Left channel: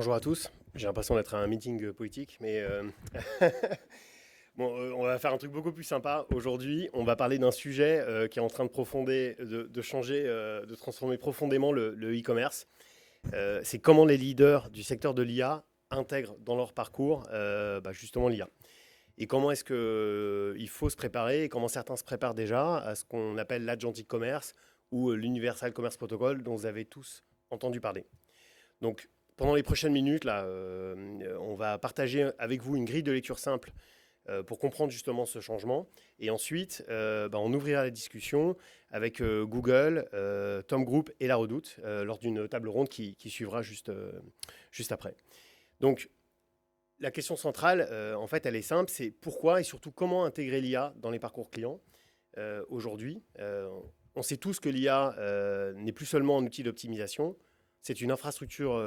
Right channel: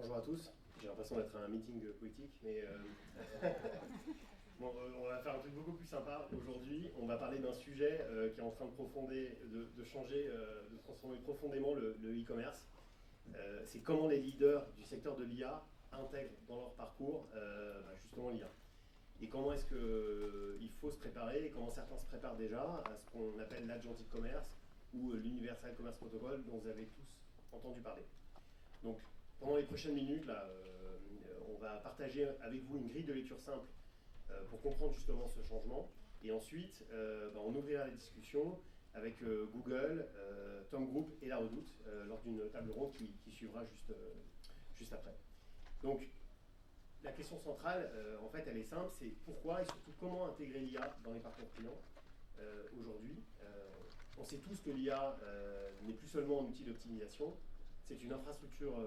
Bonjour à tous. J'ai l'impression d'être à un meeting politique, mais bon, on va faire un truc beaucoup plus sympa. Aujourd'hui, on va parler d'un sujet qui est en train de changer, de transformer profondément le e-commerce. C'est comment les leaders du secteur de l'IA intègrent dans leur parcours justement l'IA. Et comment est-ce qu'il faut se préparer, et comment certains se préparent déjà à ce qu'on appelle l'agentic commerce ou l'Universal Commerce Protocol dont vous avez tous entendu parler. Donc, pendant les prochaines minutes, là, on va partager avec vous une grille de lecture simple pour comprendre justement ce changement. Et ensuite, on ouvrira la discussion avec Google, Tom Group et La Redoute lors d'une table ronde qui suivra juste après. Donc, la question centrale, en fait, elle est simple, c'est pourquoi et surtout comment intégrer l'IA dans les parcours clients aujourd'hui. On sait tous que l'IA n'est plus seulement un outil d'optimisation, c'est une infrastructure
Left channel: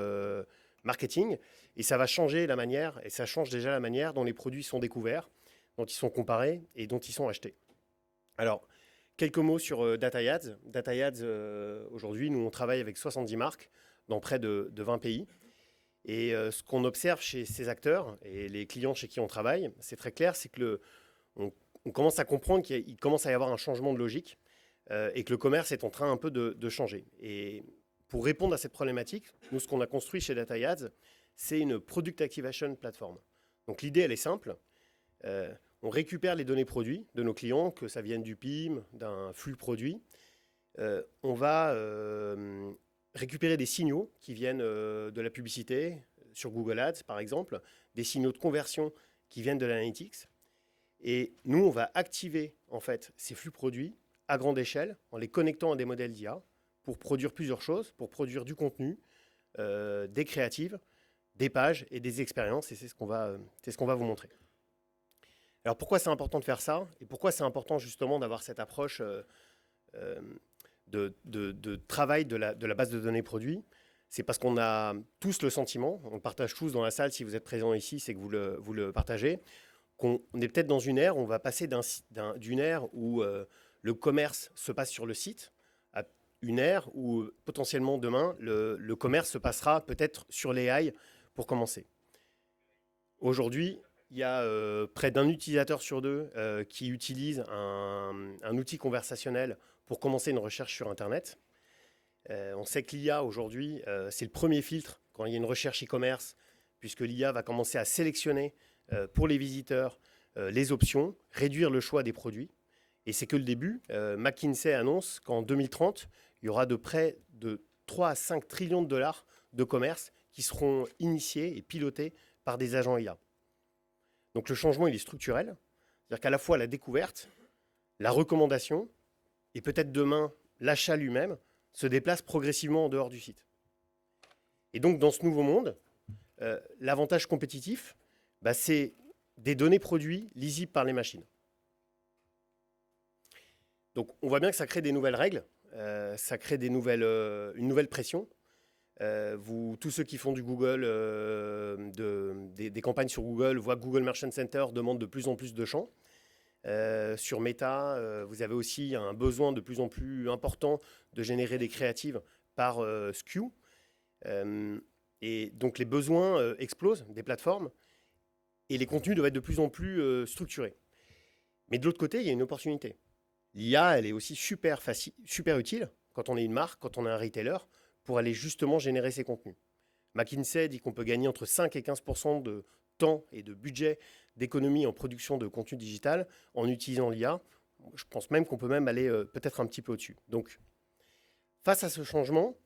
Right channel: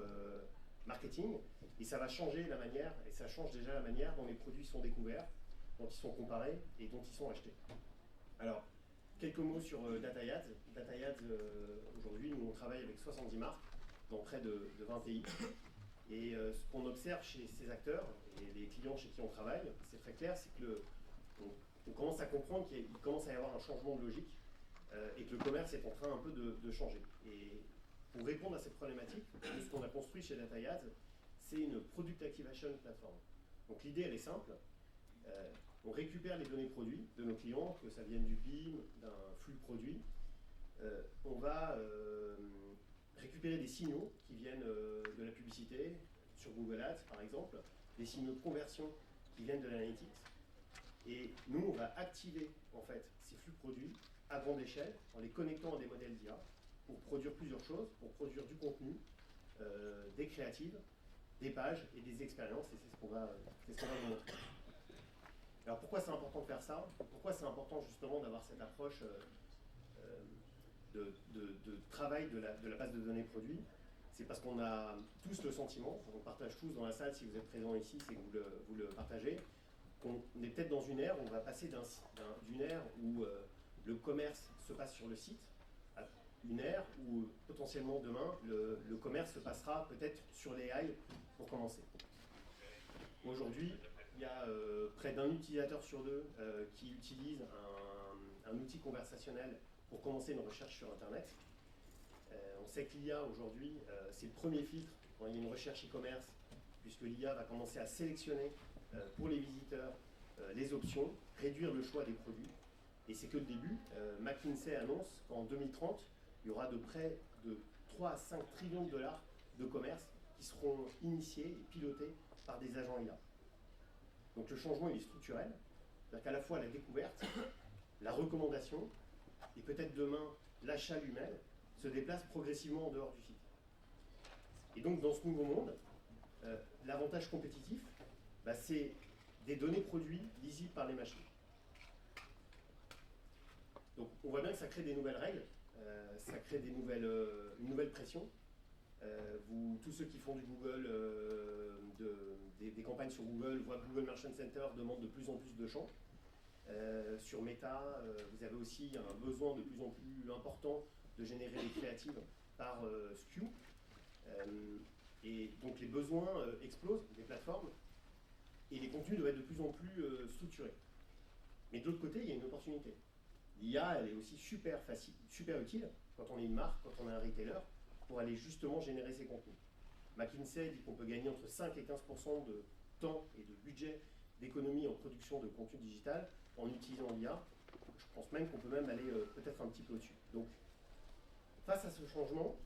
marketing et ça va changer la manière, et ça change déjà la manière dont les produits sont découverts, dont ils sont comparés et dont ils sont achetés. Alors, quelques mots sur DataYads. DataYads, aujourd'hui, nous on travaille avec 70 marques dans près de 20 pays. Et ce qu'on observe chez ces acteurs et les clients chez qui on travaille, c'est très clair, c'est que on commence à comprendre qu'il commence à y avoir un changement de logique et que le commerce est en train un peu de changer. Et pour répondre à cette problématique, nous, ce qu'on a construit chez DataYads, c'est une Product Activation Platform. Donc l'idée, elle est simple. On récupère les données produits de nos clients, que ça vienne du PIM, d'un flux produit. On va récupérer des signaux qui viennent de la publicité, sur Google Ads par exemple, des signaux de conversion qui viennent de l'analytics. Et nous, on va activer en fait ces flux produits à grande échelle en les connectant à des modèles d'IA pour produire plusieurs choses, pour produire du contenu, des créatives, des pages et des expériences. Et c'est ce qu'on va vous montrer. Alors pourquoi c'est important de faire ça? Et pourquoi c'est important justement d'avoir cette approche de travail de la base de données produits? C'est parce qu'on a tous le sentiment, on le partage tous dans la salle, si vous êtes présents ici, c'est que vous le partagez, qu'on est peut-être dans une ère où on va passer d'une ère où le commerce se passe sur le site, à une ère où potentiellement demain, le commerce se passera peut-être sur l'AI pour commencer. Aujourd'hui, il y a près d'un utilisateur sur deux qui utilise un outil conversationnel pour commencer une recherche sur Internet. On sait que l'IA aujourd'hui, c'est le premier filtre quand il y a une recherche e-commerce, puisque l'IA va commencer à sélectionner pour les visiteurs les options, réduire le choix des produits. Et c'est que le début. McKinsey annonce qu'en 2030, il y aura de près de 3 à 5 trillions de dollars de commerce qui seront initiés et pilotés par des agents IA. Donc le changement, il est structurel. C'est-à-dire qu'à la fois la découverte, la recommandation et peut-être demain l'achat lui-même se déplace progressivement en dehors du site. Et donc dans ce nouveau monde, l'avantage compétitif, c'est des données produits lisibles par les machines. Donc on voit bien que ça crée des nouvelles règles, ça crée une nouvelle pression. Tous ceux qui font du Google, des campagnes sur Google, voient que Google Merchant Center demande de plus en plus de champs. Sur Meta, vous avez aussi un besoin de plus en plus important de générer des créatives par SKU. Et donc les besoins explosent des plateformes et les contenus doivent être de plus en plus structurés. Mais de l'autre côté, il y a une opportunité. L'IA, elle est aussi super utile quand on est une marque, quand on est un retailer, pour aller justement générer ces contenus. McKinsey dit qu'on peut gagner entre 5 et 15% de temps et de budget d'économie en production de contenu digital en utilisant l'IA. Je pense même qu'on peut même aller peut-être un petit peu au-dessus. Donc, face à ce changement,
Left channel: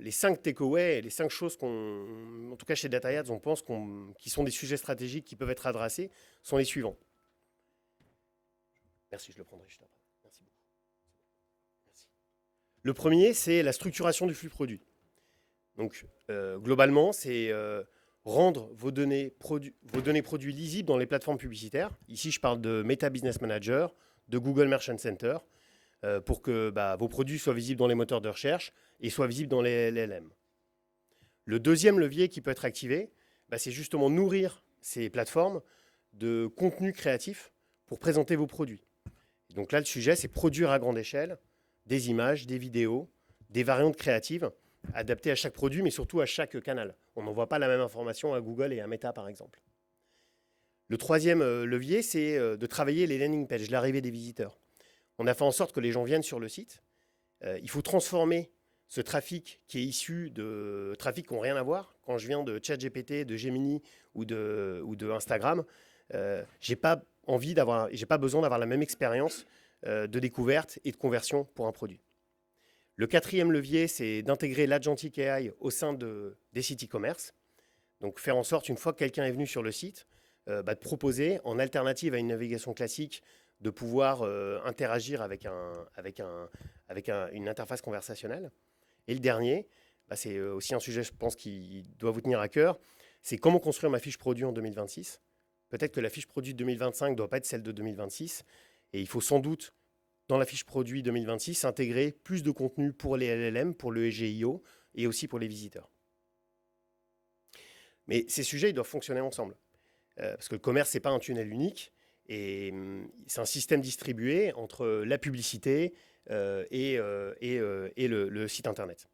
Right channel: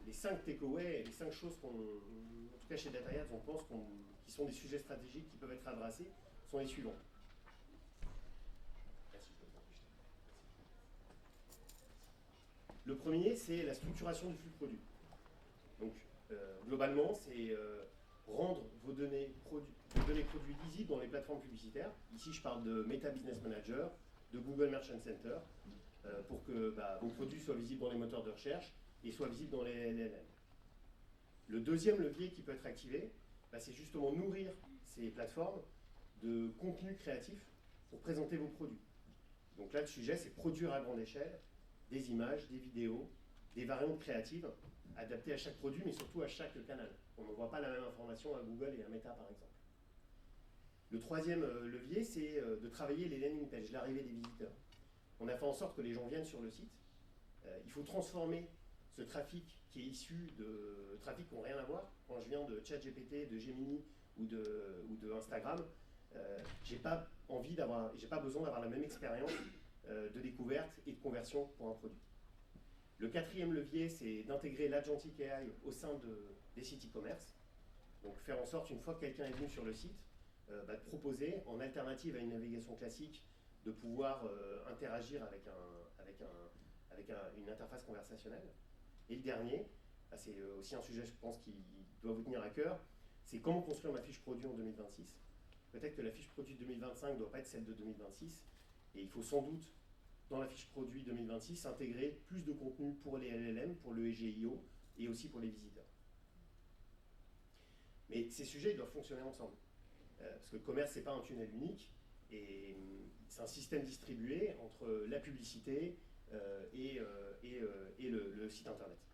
les 5 takeaways, les 5 choses en tout cas chez DataYads, on pense qui sont des sujets stratégiques qui peuvent être adressés, sont les suivants. Merci, je le prendrai juste après. Merci. Le premier, c'est la structuration du flux produit. Donc, globalement, c'est rendre vos données produits lisibles dans les plateformes publicitaires. Ici, je parle de Meta Business Manager, de Google Merchant Center, pour que vos produits soient visibles dans les moteurs de recherche et soient visibles dans les LLM. Le deuxième levier qui peut être activé, c'est justement nourrir ces plateformes de contenu créatif pour présenter vos produits. Donc là, le sujet, c'est produire à grande échelle des images, des vidéos, des variantes créatives adapté à chaque produit, mais surtout à chaque canal. On n'envoie pas la même information à Google et à Meta, par exemple. Le troisième levier, c'est de travailler les landing pages, l'arrivée des visiteurs. On a fait en sorte que les gens viennent sur le site. Il faut transformer ce trafic qui est issu de trafic qui n'ont rien à voir. Quand je viens de ChatGPT, de Gemini ou de Instagram, j'ai pas besoin d'avoir la même expérience de découverte et de conversion pour un produit. Le quatrième levier, c'est d'intégrer l'Agentic AI au sein des sites e-commerce. Donc faire en sorte, une fois que quelqu'un est venu sur le site, de proposer, en alternative à une navigation classique, de pouvoir interagir avec une interface conversationnelle. Et le dernier, c'est aussi un sujet, je pense, qui doit vous tenir à cœur, c'est comment construire ma fiche produit en 2026. Peut-être que la fiche produit de 2025 ne doit pas être celle de 2026, et il faut sans doute, dans la fiche produit 2026, intégrer plus de contenu pour les LLM, pour le SGIO, et aussi pour les visiteurs. Mais ces sujets, ils doivent fonctionner ensemble. Parce que le commerce, ce n'est pas un tunnel unique, et c'est un système distribué entre la publicité et le site internet.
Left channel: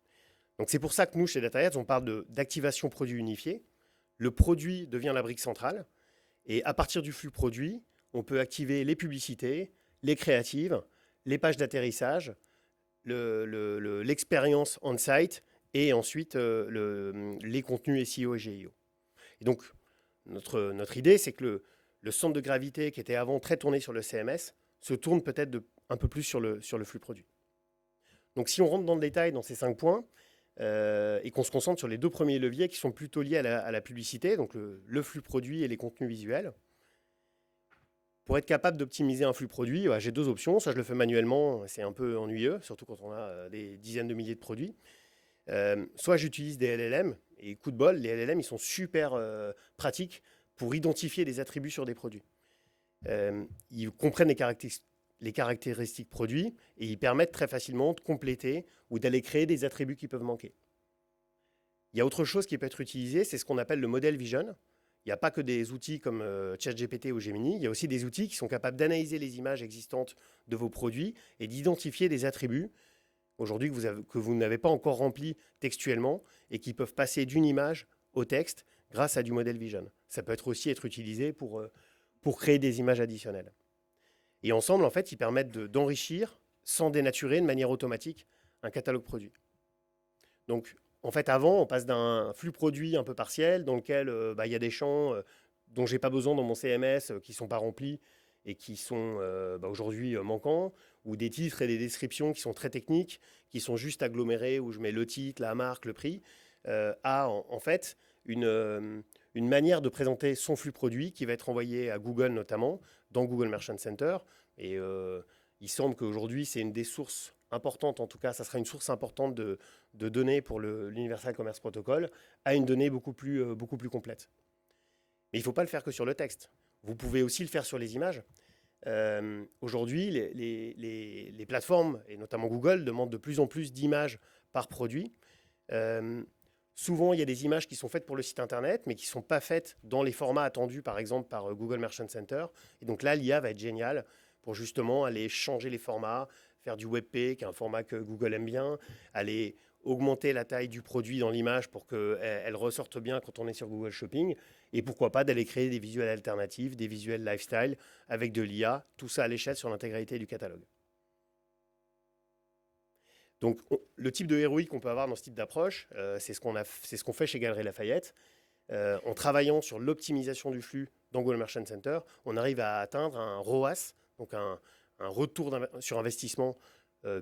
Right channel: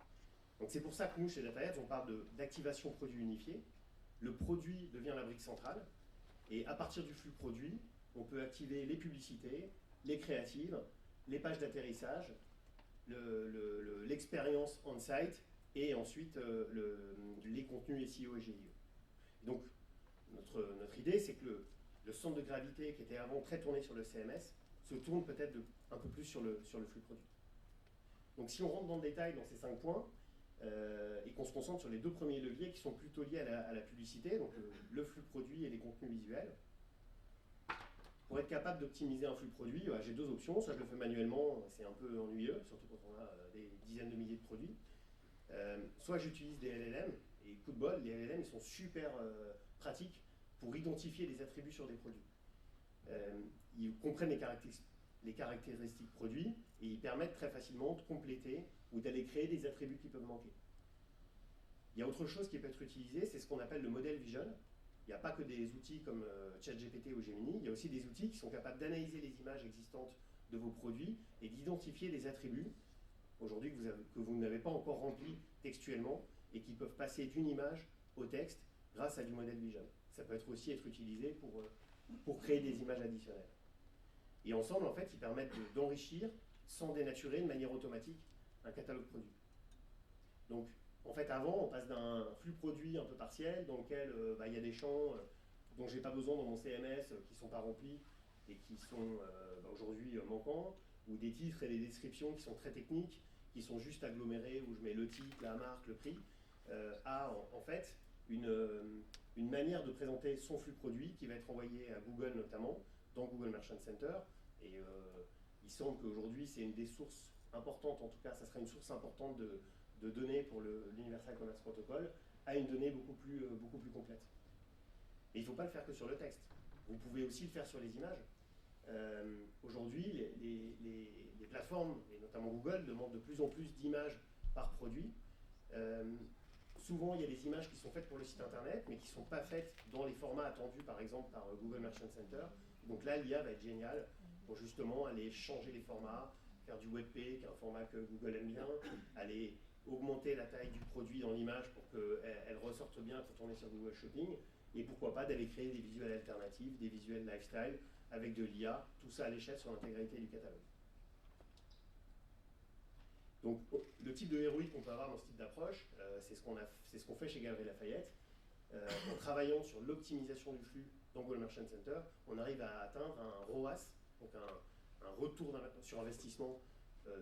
Donc c'est pour ça que nous, chez DataHeads, on parle d'activation produit unifié. Le produit devient la brique centrale, et à partir du flux produit, on peut activer les publicités, les créatives, les pages d'atterrissage, l'expérience on-site, et ensuite les contenus SEO et GIO. Et donc, notre idée, c'est que le centre de gravité qui était avant très tourné sur le CMS se tourne peut-être un peu plus sur le flux produit. Donc si on rentre dans le détail dans ces 5 points et qu'on se concentre sur les 2 premiers leviers qui sont plutôt liés à la publicité, donc le flux produit et les contenus visuels, pour être capable d'optimiser un flux produit, j'ai 2 options. Soit je le fais manuellement, c'est un peu ennuyeux, surtout quand on a des dizaines de milliers de produits. Soit j'utilise des LLM, et coup de bol, les LLM, ils sont super pratiques pour identifier des attributs sur des produits. Ils comprennent les caractéristiques produits et ils permettent très facilement de compléter ou d'aller créer des attributs qui peuvent manquer. Il y a autre chose qui peut être utilisé, c'est ce qu'on appelle le model vision. Il n'y a pas que des outils comme ChatGPT ou Gemini, il y a aussi des outils qui sont capables d'analyser les images existantes de vos produits et d'identifier des attributs aujourd'hui que vous n'avez pas encore remplis textuellement et qui peuvent passer d'une image au texte grâce à du model vision. Ça peut aussi être utilisé pour créer des images additionnelles. Et ensemble, en fait, ils permettent d'enrichir, sans dénaturer, de manière automatique, un catalogue produit. Donc, en fait, avant, on passe d'un flux produit un peu partiel dans lequel y a des champs dont je n'ai pas besoin dans mon CMS qui ne sont pas remplis et qui sont aujourd'hui manquants, ou des titres et des descriptions qui sont très techniques, qui sont juste agglomérés, où je mets le titre, la marque, le prix, en fait une manière de présenter son flux produit qui va être envoyé à Google notamment, dans Google Merchant Center. Et il semble qu'aujourd'hui, c'est une des sources importantes, en tout cas, ça sera une source importante de données pour l'Universal Commerce Protocol, à une donnée beaucoup plus complète. Mais il ne faut pas le faire que sur le texte. Vous pouvez aussi le faire sur les images. Aujourd'hui, les plateformes, et notamment Google, demandent de plus en plus d'images par produit. Souvent, il y a des images qui sont faites pour le site internet, mais qui ne sont pas faites dans les formats attendus, par exemple, par Google Merchant Center. Et donc là, l'IA va être géniale pour justement aller changer les formats, faire du WebP, qui est un format que Google aime bien, aller augmenter la taille du produit dans l'image pour qu'elle ressorte bien quand on est sur Google Shopping, et pourquoi pas d'aller créer des visuels alternatifs, des visuels lifestyle avec de l'IA, tout ça à l'échelle sur l'intégralité du catalogue. Donc le type de héroïque qu'on peut avoir dans ce type d'approche, c'est ce qu'on fait chez Galeries Lafayette. En travaillant sur l'optimisation du flux dans Google Merchant Center, on arrive à atteindre un ROAS, donc un retour sur investissement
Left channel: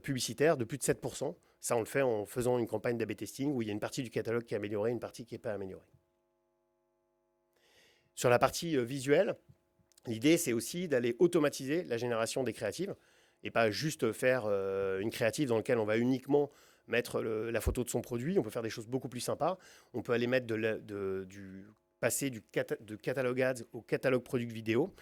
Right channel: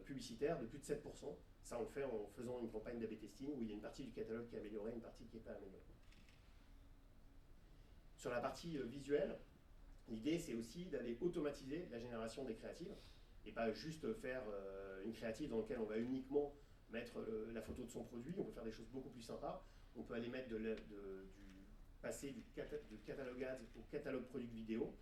publicitaire de plus de 7%. Ça, on le fait en faisant une campagne d'A/B testing où il y a une partie du catalogue qui est améliorée, une partie qui n'est pas améliorée. Sur la partie visuelle, l'idée, c'est aussi d'aller automatiser la génération des créatives et pas juste faire une créative dans laquelle on va uniquement mettre la photo de son produit. On peut faire des choses beaucoup plus sympas. On peut aller mettre passer de catalogue ads au catalogue product vidéo,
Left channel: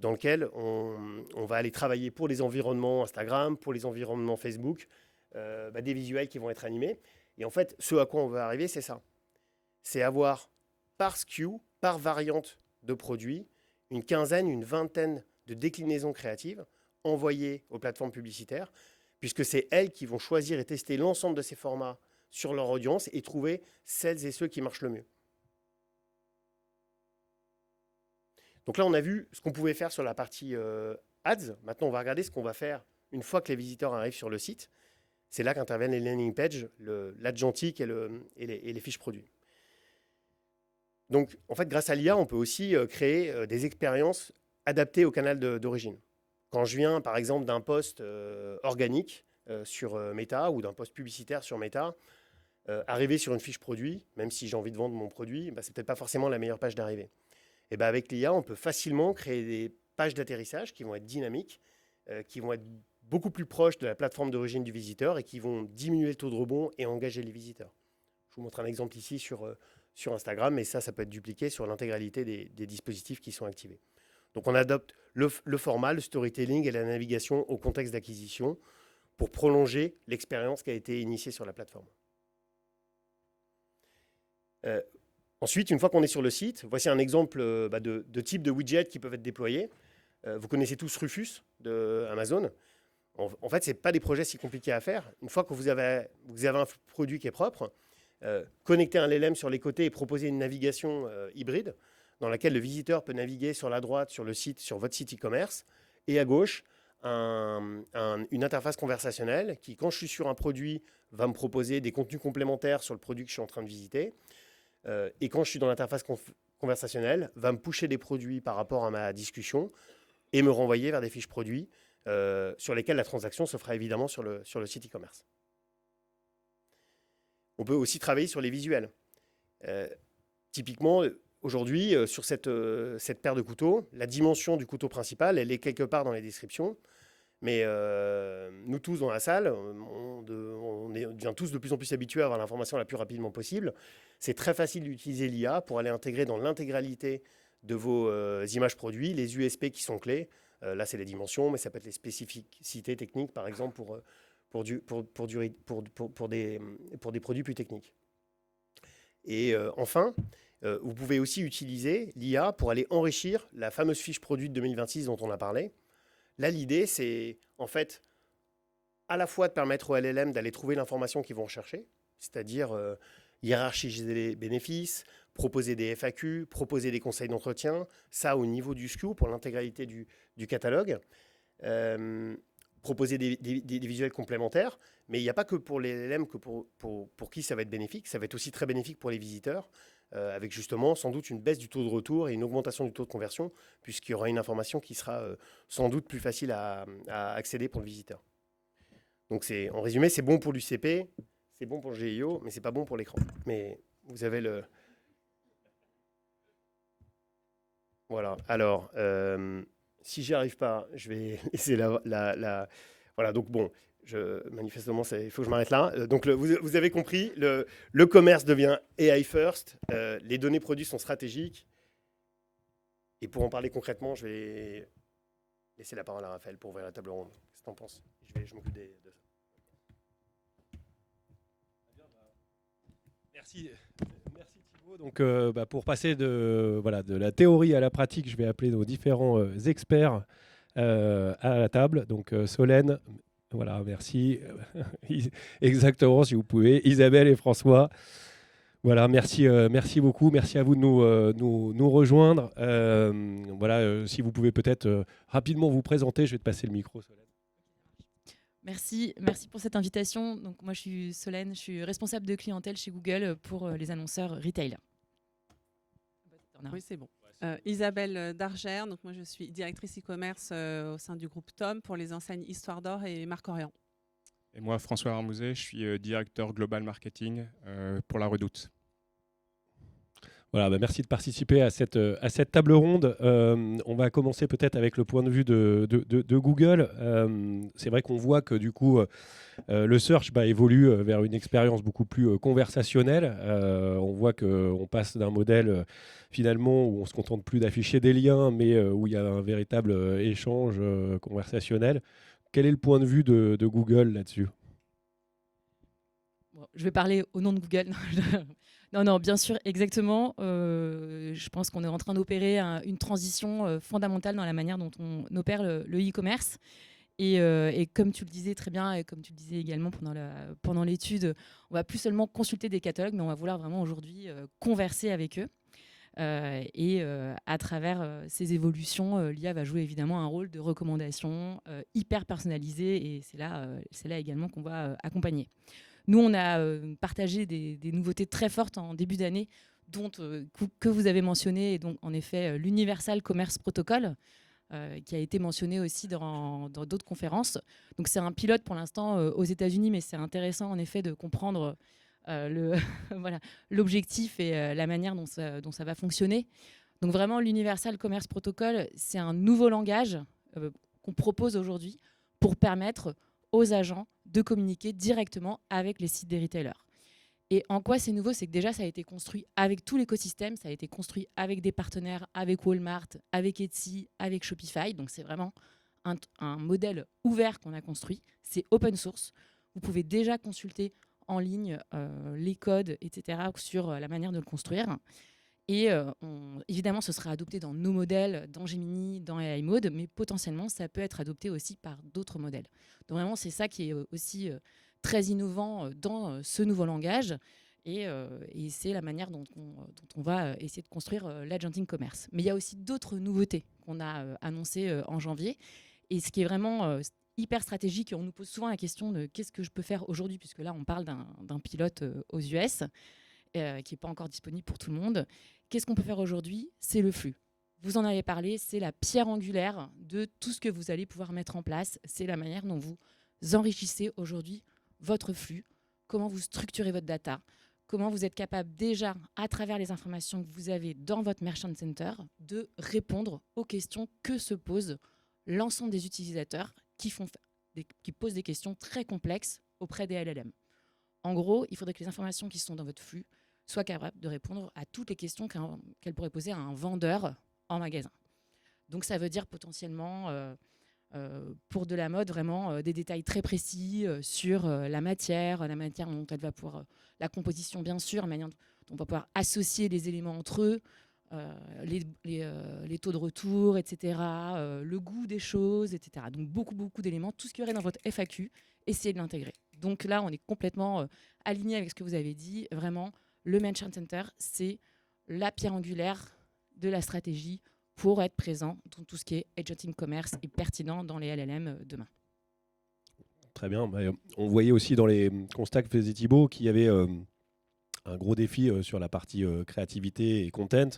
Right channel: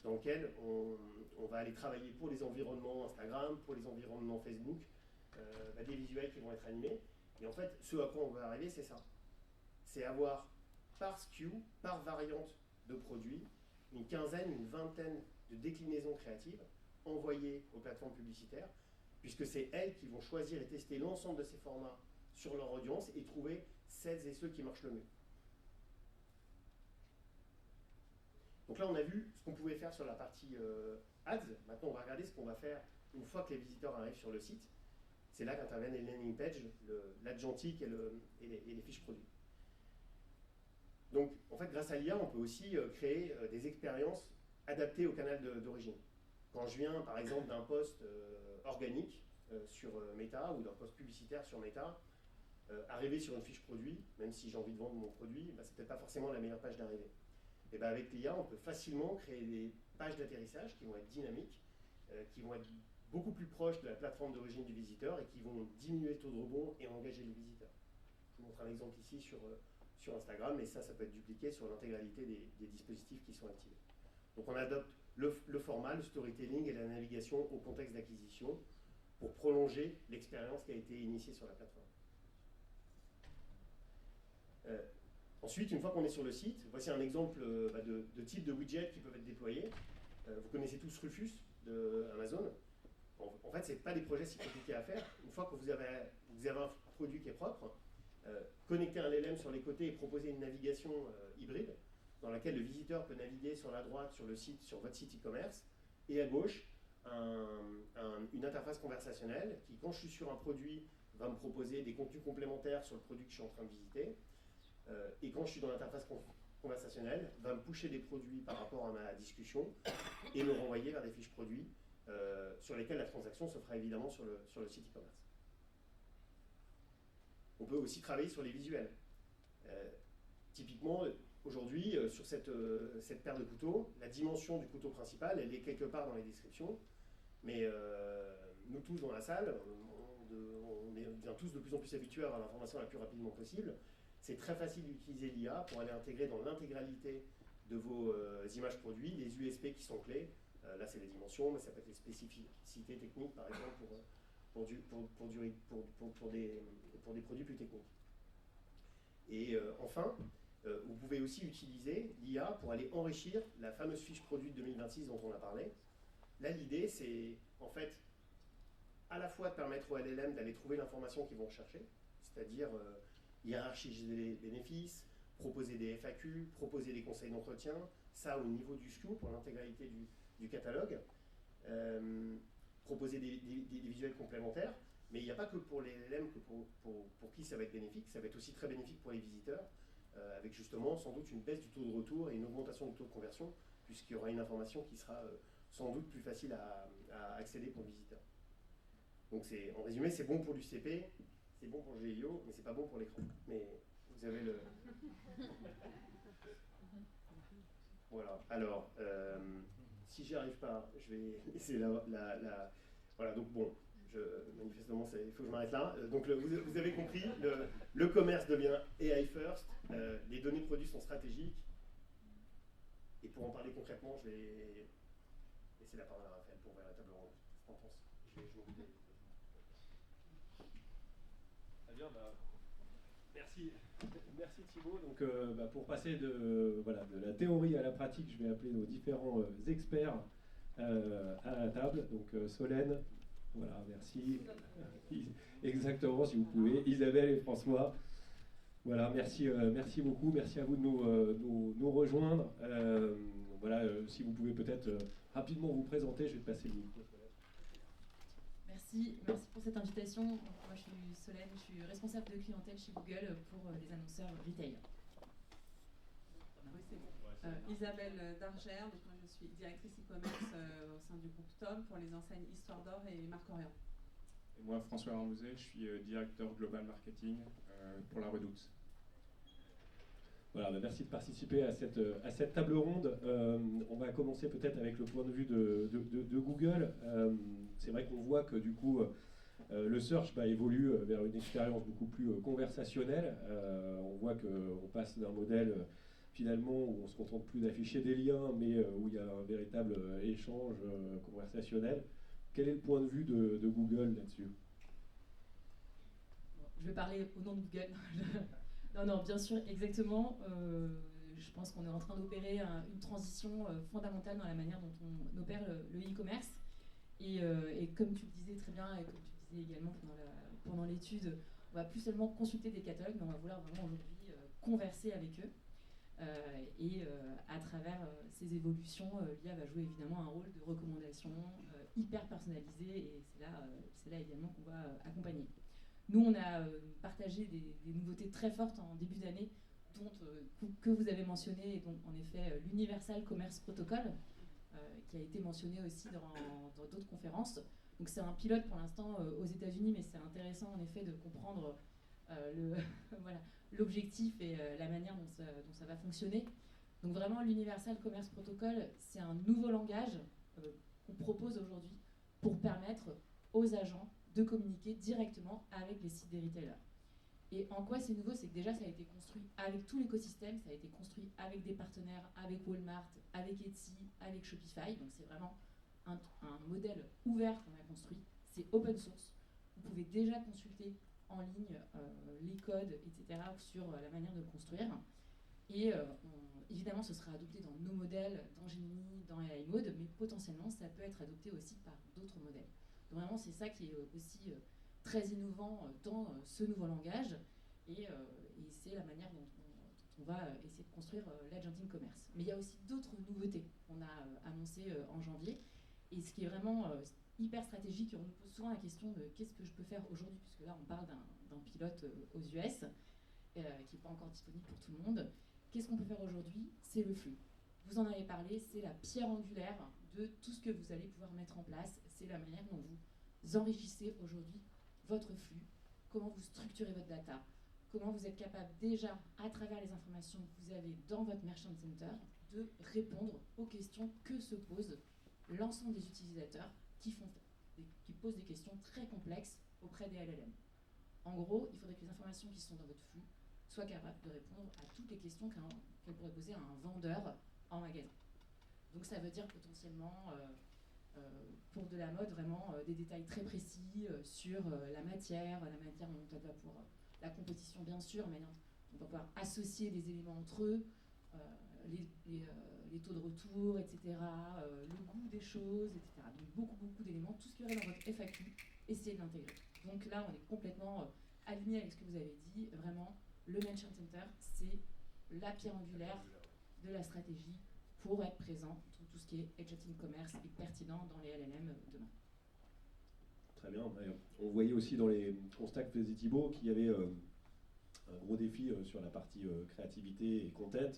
dans lequel on va aller travailler pour les environnements Instagram, pour les environnements Facebook, des visuels qui vont être animés. Et en fait, ce à quoi on veut arriver, c'est ça. C'est avoir par SKU, par variante de produits, une quinzaine, une vingtaine de déclinaisons créatives envoyées aux plateformes publicitaires, puisque c'est elles qui vont choisir et tester l'ensemble de ces formats sur leur audience et trouver celles et ceux qui marchent le mieux. Donc là, on a vu ce qu'on pouvait faire sur la partie ads. Maintenant, on va regarder ce qu'on va faire une fois que les visiteurs arrivent sur le site. C'est là qu'interviennent les landing pages, l'agentique et les fiches produits. Donc, en fait, grâce à l'IA, on peut aussi créer des expériences adaptées au canal d'origine. Quand je viens, par exemple, d'un post organique sur Meta ou d'un post publicitaire sur Meta, arriver sur une fiche produit, même si j'ai envie de vendre mon produit, bah, c'est peut-être pas forcément la meilleure page d'arrivée. Et bah, avec l'IA, on peut facilement créer des pages d'atterrissage qui vont être dynamiques, qui vont être beaucoup plus proches de la plateforme d'origine du visiteur et qui vont diminuer le taux de rebond et engager les visiteurs. Je vous montre un exemple ici sur Instagram, mais ça peut être dupliqué sur l'intégralité des dispositifs qui sont activés. Donc on adopte le format, le storytelling et la navigation au contexte d'acquisition pour prolonger l'expérience qui a été initiée sur la plateforme. Ensuite, une fois qu'on est sur le site, voici un exemple de type de widgets qui peuvent être déployés. Vous connaissez tous Rufus de Amazon. En fait, ce n'est pas des projets si compliqués à faire. Une fois que vous avez un produit qui est propre, connecter un LLM sur les côtés et proposer une navigation hybride dans laquelle le visiteur peut naviguer sur la droite, sur le site, sur votre site e-commerce, et à gauche, une interface conversationnelle qui, quand je suis sur un produit, va me proposer des contenus complémentaires sur le produit que je suis en train de visiter. Et quand je suis dans l'interface conversationnelle, va me pusher des produits par rapport à ma discussion et me renvoyer vers des fiches produits sur lesquelles la transaction se fera évidemment sur le site e-commerce. On peut aussi travailler sur les visuels. Typiquement, aujourd'hui, sur cette paire de couteaux, la dimension du couteau principal, elle est quelque part dans les descriptions. Mais nous tous dans la salle, on devient tous de plus en plus habitués à avoir l'information la plus rapidement possible. C'est très facile d'utiliser l'IA pour aller intégrer dans l'intégralité de vos images produits les USP qui sont clés. Là, c'est les dimensions, mais ça peut être les spécificités techniques, par exemple, pour des produits plus techniques. Et enfin, vous pouvez aussi utiliser l'IA pour aller enrichir la fameuse fiche produit de 2026 dont on a parlé. Là, l'idée, c'est en fait à la fois de permettre au LLM d'aller trouver l'information qu'ils vont rechercher, c'est-à-dire hiérarchiser les bénéfices, proposer des FAQ, proposer des conseils d'entretien, ça au niveau du SKU pour l'intégralité du catalogue, proposer des visuels complémentaires, mais il n'y a pas que pour les LLM que pour qui ça va être bénéfique, ça va être aussi très bénéfique pour les visiteurs, avec justement sans doute une baisse du taux de retour et une augmentation du taux de conversion, puisqu'il y aura une information qui sera sans doute plus facile à accéder pour le visiteur. Donc en résumé, c'est bon pour l'UCP, c'est bon pour le GIO, mais c'est pas bon pour l'écran. Mais vous avez le... Voilà, alors, si j'y arrive pas, je vais laisser Voilà, donc bon, manifestement, il faut que je m'arrête là. Donc, vous avez compris, le commerce devient AI first, les données produits sont stratégiques. Et pour en parler concrètement, je vais laisser la parole à Raphaël pour ouvrir la table ronde. Qu'est-ce que tu en penses? Je m'occupe de ça. Merci Thibaut. Donc, pour passer de la théorie à la pratique, je vais appeler nos différents experts à la table. Donc Solène, voilà, merci. Exactement, si vous pouvez. Isabelle et François. Voilà, merci beaucoup. Merci à vous de nous rejoindre. Si vous pouvez peut-être rapidement vous présenter, je vais te passer le micro. Merci pour cette invitation. Donc, moi, je suis Solène, je suis responsable de clientèle chez Google pour les annonceurs retail. Oui, c'est bon. Isabelle Dargère, donc moi je suis directrice e-commerce au sein du groupe Tom pour les enseignes Histoire d'Or et Marc Orient. Et moi, François Armouzet, je suis directeur global marketing pour La Redoute. Voilà, merci de participer à cette table ronde. On va commencer peut-être avec le point de vue de Google. C'est vrai qu'on voit que du coup, le search évolue vers une expérience beaucoup plus conversationnelle. On voit qu'on passe d'un modèle finalement où on ne se contente plus d'afficher des liens, mais où il y a un véritable échange conversationnel. Quel est le point de vue de Google là-dessus? Je vais parler au nom de Google. Non, bien sûr, exactement. Je pense qu'on est en train d'opérer une transition fondamentale dans la manière dont on opère le e-commerce. Et comme tu le disais très bien, et comme tu le disais également pendant l'étude, on va plus seulement consulter des catalogues, mais on va vouloir vraiment aujourd'hui converser avec eux. À travers ces évolutions, l'IA va jouer évidemment un rôle de recommandation hyper personnalisé, et c'est là également qu'on va accompagner. Nous, on a partagé des nouveautés très fortes en début d'année, dont que vous avez mentionné, et donc en effet l'Universal Commerce Protocol, qui a été mentionné aussi dans d'autres conférences. Donc c'est un pilote pour l'instant aux États-Unis, mais c'est intéressant en effet de comprendre voilà, l'objectif et la manière dont ça va fonctionner. Donc vraiment, l'Universal Commerce Protocol, c'est un nouveau langage qu'on propose aujourd'hui pour permettre aux agents de communiquer directement avec les sites des retailers. Et en quoi c'est nouveau, c'est que déjà, ça a été construit avec tout l'écosystème, ça a été construit avec des partenaires, avec Walmart, avec Etsy, avec Shopify. Donc c'est vraiment un modèle ouvert qu'on a construit. C'est open source. Vous pouvez déjà consulter en ligne les codes, etc., sur la manière de le construire. Et évidemment, ce sera adopté dans nos modèles, dans Gemini, dans AI Mode, mais potentiellement, ça peut être adopté aussi par d'autres modèles. Donc vraiment, c'est ça qui est aussi très innovant dans ce nouveau langage. Et c'est la manière dont on va essayer de construire l'agenting commerce. Mais il y a aussi d'autres nouveautés qu'on a annoncées en janvier. Et ce qui est vraiment hyper stratégique, et on nous pose souvent la question de qu'est-ce que je peux faire aujourd'hui, puisque là, on parle d'un pilote aux US qui n'est pas encore disponible pour tout le monde. Qu'est-ce qu'on peut faire aujourd'hui? C'est le flux. Vous en avez parlé, c'est la pierre angulaire de tout ce que vous allez pouvoir mettre en place. C'est la manière dont vous enrichissez aujourd'hui votre flux, comment vous structurez votre data, comment vous êtes capable déjà, à travers les informations que vous avez dans votre Merchant Center, de répondre aux questions que se posent l'ensemble des utilisateurs qui posent des questions très complexes auprès des LLM. En gros, il faudrait que les informations qui sont dans votre flux soient capables de répondre à toutes les questions qu'elle pourrait poser à un vendeur en magasin. Donc ça veut dire potentiellement, pour de la mode, vraiment des détails très précis sur la matière dont elle va pouvoir, la composition bien sûr, la manière dont on va pouvoir associer les éléments entre eux, les taux de retour, etc., le goût des choses, etc. Donc beaucoup d'éléments, tout ce qu'il y aurait dans votre FAQ, essayez de l'intégrer. Donc là, on est complètement aligné avec ce que vous avez dit. Vraiment, le Merchant Center, c'est la pierre angulaire de la stratégie pour être présent dans tout ce qui est agenting commerce et pertinent dans les LLM demain. Très bien. On voyait aussi dans les constats que faisait Thibaut qu'il y avait un gros défi sur la partie créativité et content,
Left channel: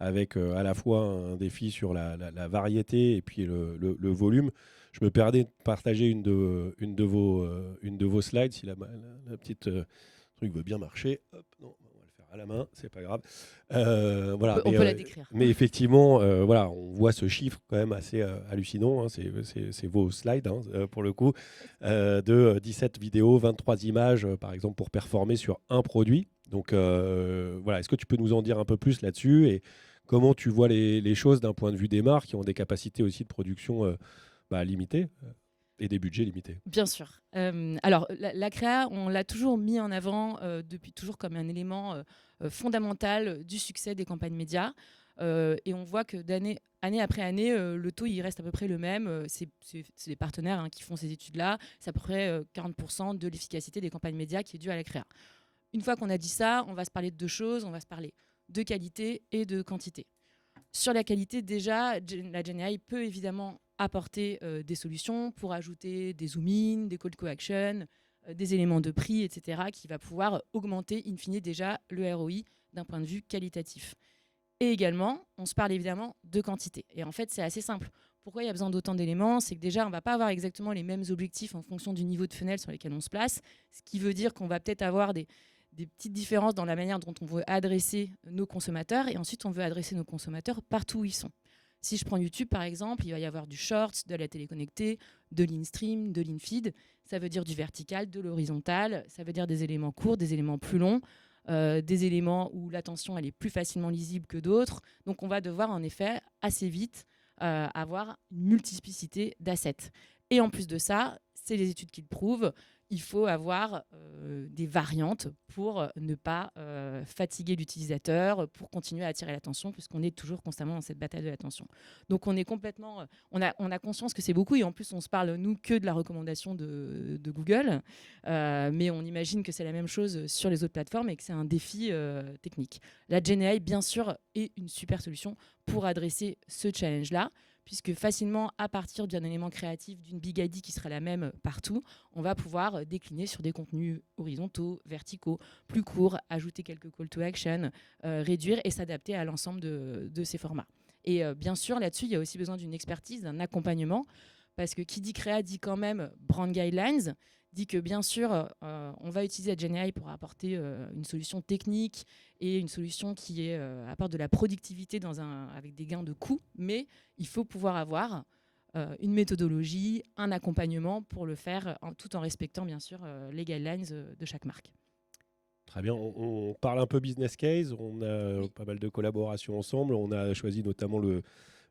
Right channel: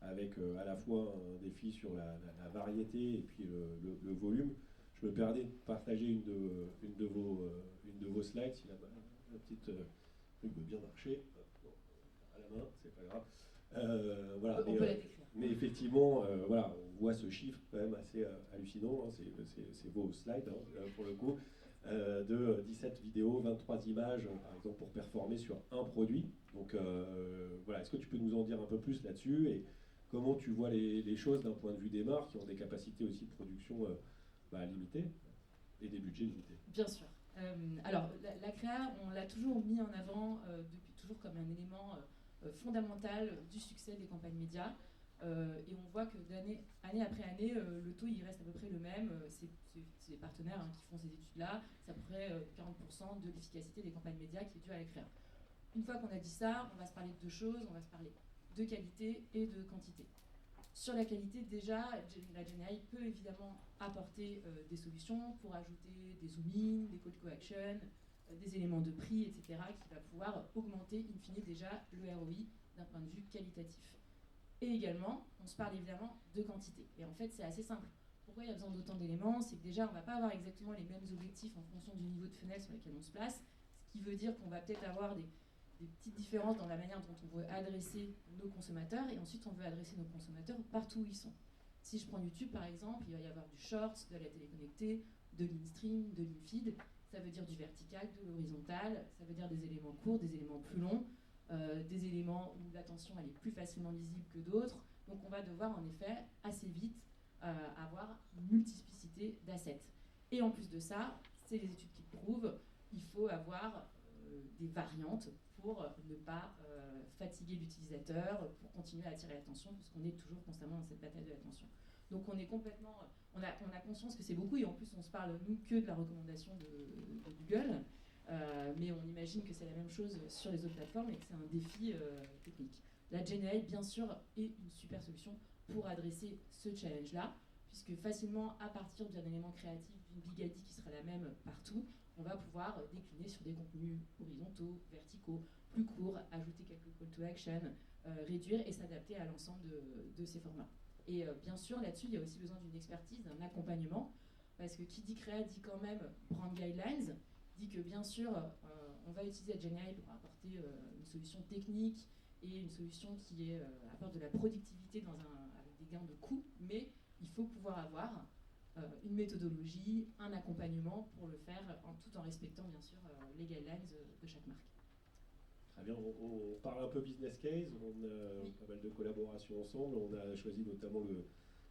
avec à la fois un défi sur la variété et puis le volume. Je me permets de partager une de vos slides, si la petite truc veut bien marcher. Hop, non, on va le faire à la main, c'est pas grave. Voilà, on peut la décrire. Mais effectivement, voilà, on voit ce chiffre quand même assez hallucinant. Hein, c'est vos slides, hein, pour le coup, de 17 vidéos, 23 images, par exemple, pour performer sur un produit. Donc voilà, est-ce que tu peux nous en dire un peu plus là-dessus et comment tu vois les choses d'un point de vue des marques qui ont des capacités aussi de production limitées et des budgets limités? Bien sûr. Alors, la créa, on l'a toujours mis en avant depuis toujours comme un élément fondamental du succès des campagnes médias. Et on voit que année après année, le taux il reste à peu près le même. C'est les partenaires qui font ces études-là. C'est à peu près 40% de l'efficacité des campagnes médias qui est due à la créa. Une fois qu'on a dit ça, on va se parler de deux choses. On va se parler de qualité et de quantité. Sur la qualité, déjà, la GenAI peut évidemment apporter des solutions pour ajouter des zoom-in, des call to action, des éléments de prix, etc., qui va pouvoir augmenter, in fine, déjà le ROI d'un point de vue qualitatif. Et également, on se parle évidemment de quantité. Et en fait, c'est assez simple. Pourquoi il y a besoin d'autant d'éléments? C'est que déjà, on ne va pas avoir exactement les mêmes objectifs en fonction du niveau de funnel sur lesquels on se place, ce qui veut dire qu'on va peut-être avoir des petites différences dans la manière dont on veut adresser nos consommateurs, et ensuite on veut adresser nos consommateurs partout où ils sont. Si je prends YouTube par exemple, il va y avoir du short, de la télé connectée, de l'in-stream, de l'in-feed, ça veut dire du vertical, de l'horizontal, ça veut dire des éléments courts, des éléments plus longs, des éléments où l'attention elle est plus facilement lisible que d'autres. Donc on va devoir en effet assez vite avoir une multiplicité d'assets. Et en plus de ça, c'est les études qui le prouvent, il faut avoir des variantes pour ne pas fatiguer l'utilisateur, pour continuer à attirer l'attention, puisqu'on est toujours constamment dans cette bataille de l'attention. Donc on est complètement, on a conscience que c'est beaucoup, et en plus on se parle nous que de la recommandation de Google, mais on imagine que c'est la même chose sur les autres plateformes et que c'est un défi technique. La GenAI, bien sûr, est une super solution pour adresser ce challenge-là, puisque facilement, à partir d'un élément créatif, d'une big ID qui sera la même partout, on va pouvoir décliner sur des contenus horizontaux, verticaux, plus courts, ajouter quelques call to action, réduire et s'adapter à l'ensemble de ces formats. Et bien sûr, là-dessus, il y a aussi besoin d'une expertise, d'un accompagnement, parce que qui dit créa dit quand même brand guidelines, dit que bien sûr, on va utiliser la GenAI pour apporter une solution technique et une solution qui apporte de la productivité avec des gains de coûts, mais il faut pouvoir avoir une méthodologie, un accompagnement pour le faire, tout en respectant bien sûr les guidelines de chaque marque. Très bien, on parle un peu business case, on a pas mal de collaborations ensemble, on a choisi notamment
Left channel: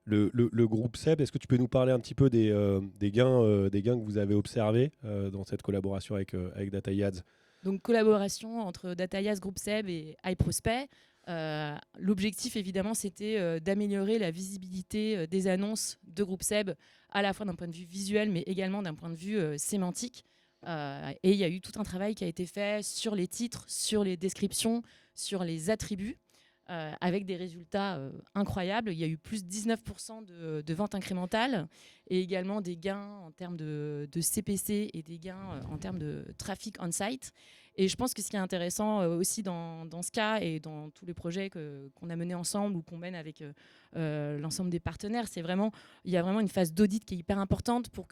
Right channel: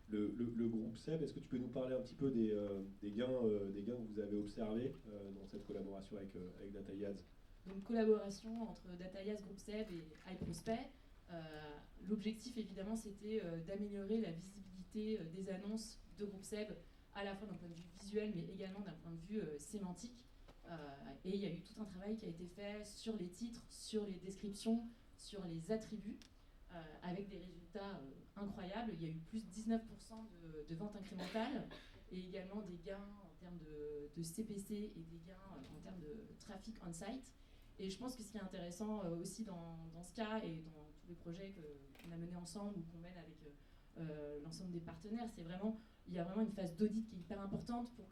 le groupe SEB. Est-ce que tu peux nous parler un petit peu des gains que vous avez observés dans cette collaboration avec DataYads? Donc collaboration entre DataYads, Groupe SEB et iProspect. L'objectif évidemment c'était d'améliorer la visibilité des annonces de Groupe SEB, à la fois d'un point de vue visuel mais également d'un point de vue sémantique. Et il y a eu tout un travail qui a été fait sur les titres, sur les descriptions, sur les attributs, avec des résultats incroyables. Il y a eu plus de 19% de ventes incrémentales et également des gains en termes de CPC et des gains en termes de trafic on-site. Et je pense que ce qui est intéressant aussi dans ce cas et dans tous les projets qu'on a menés ensemble ou qu'on mène avec l'ensemble des partenaires, il y a vraiment une phase d'audit qui est hyper importante pour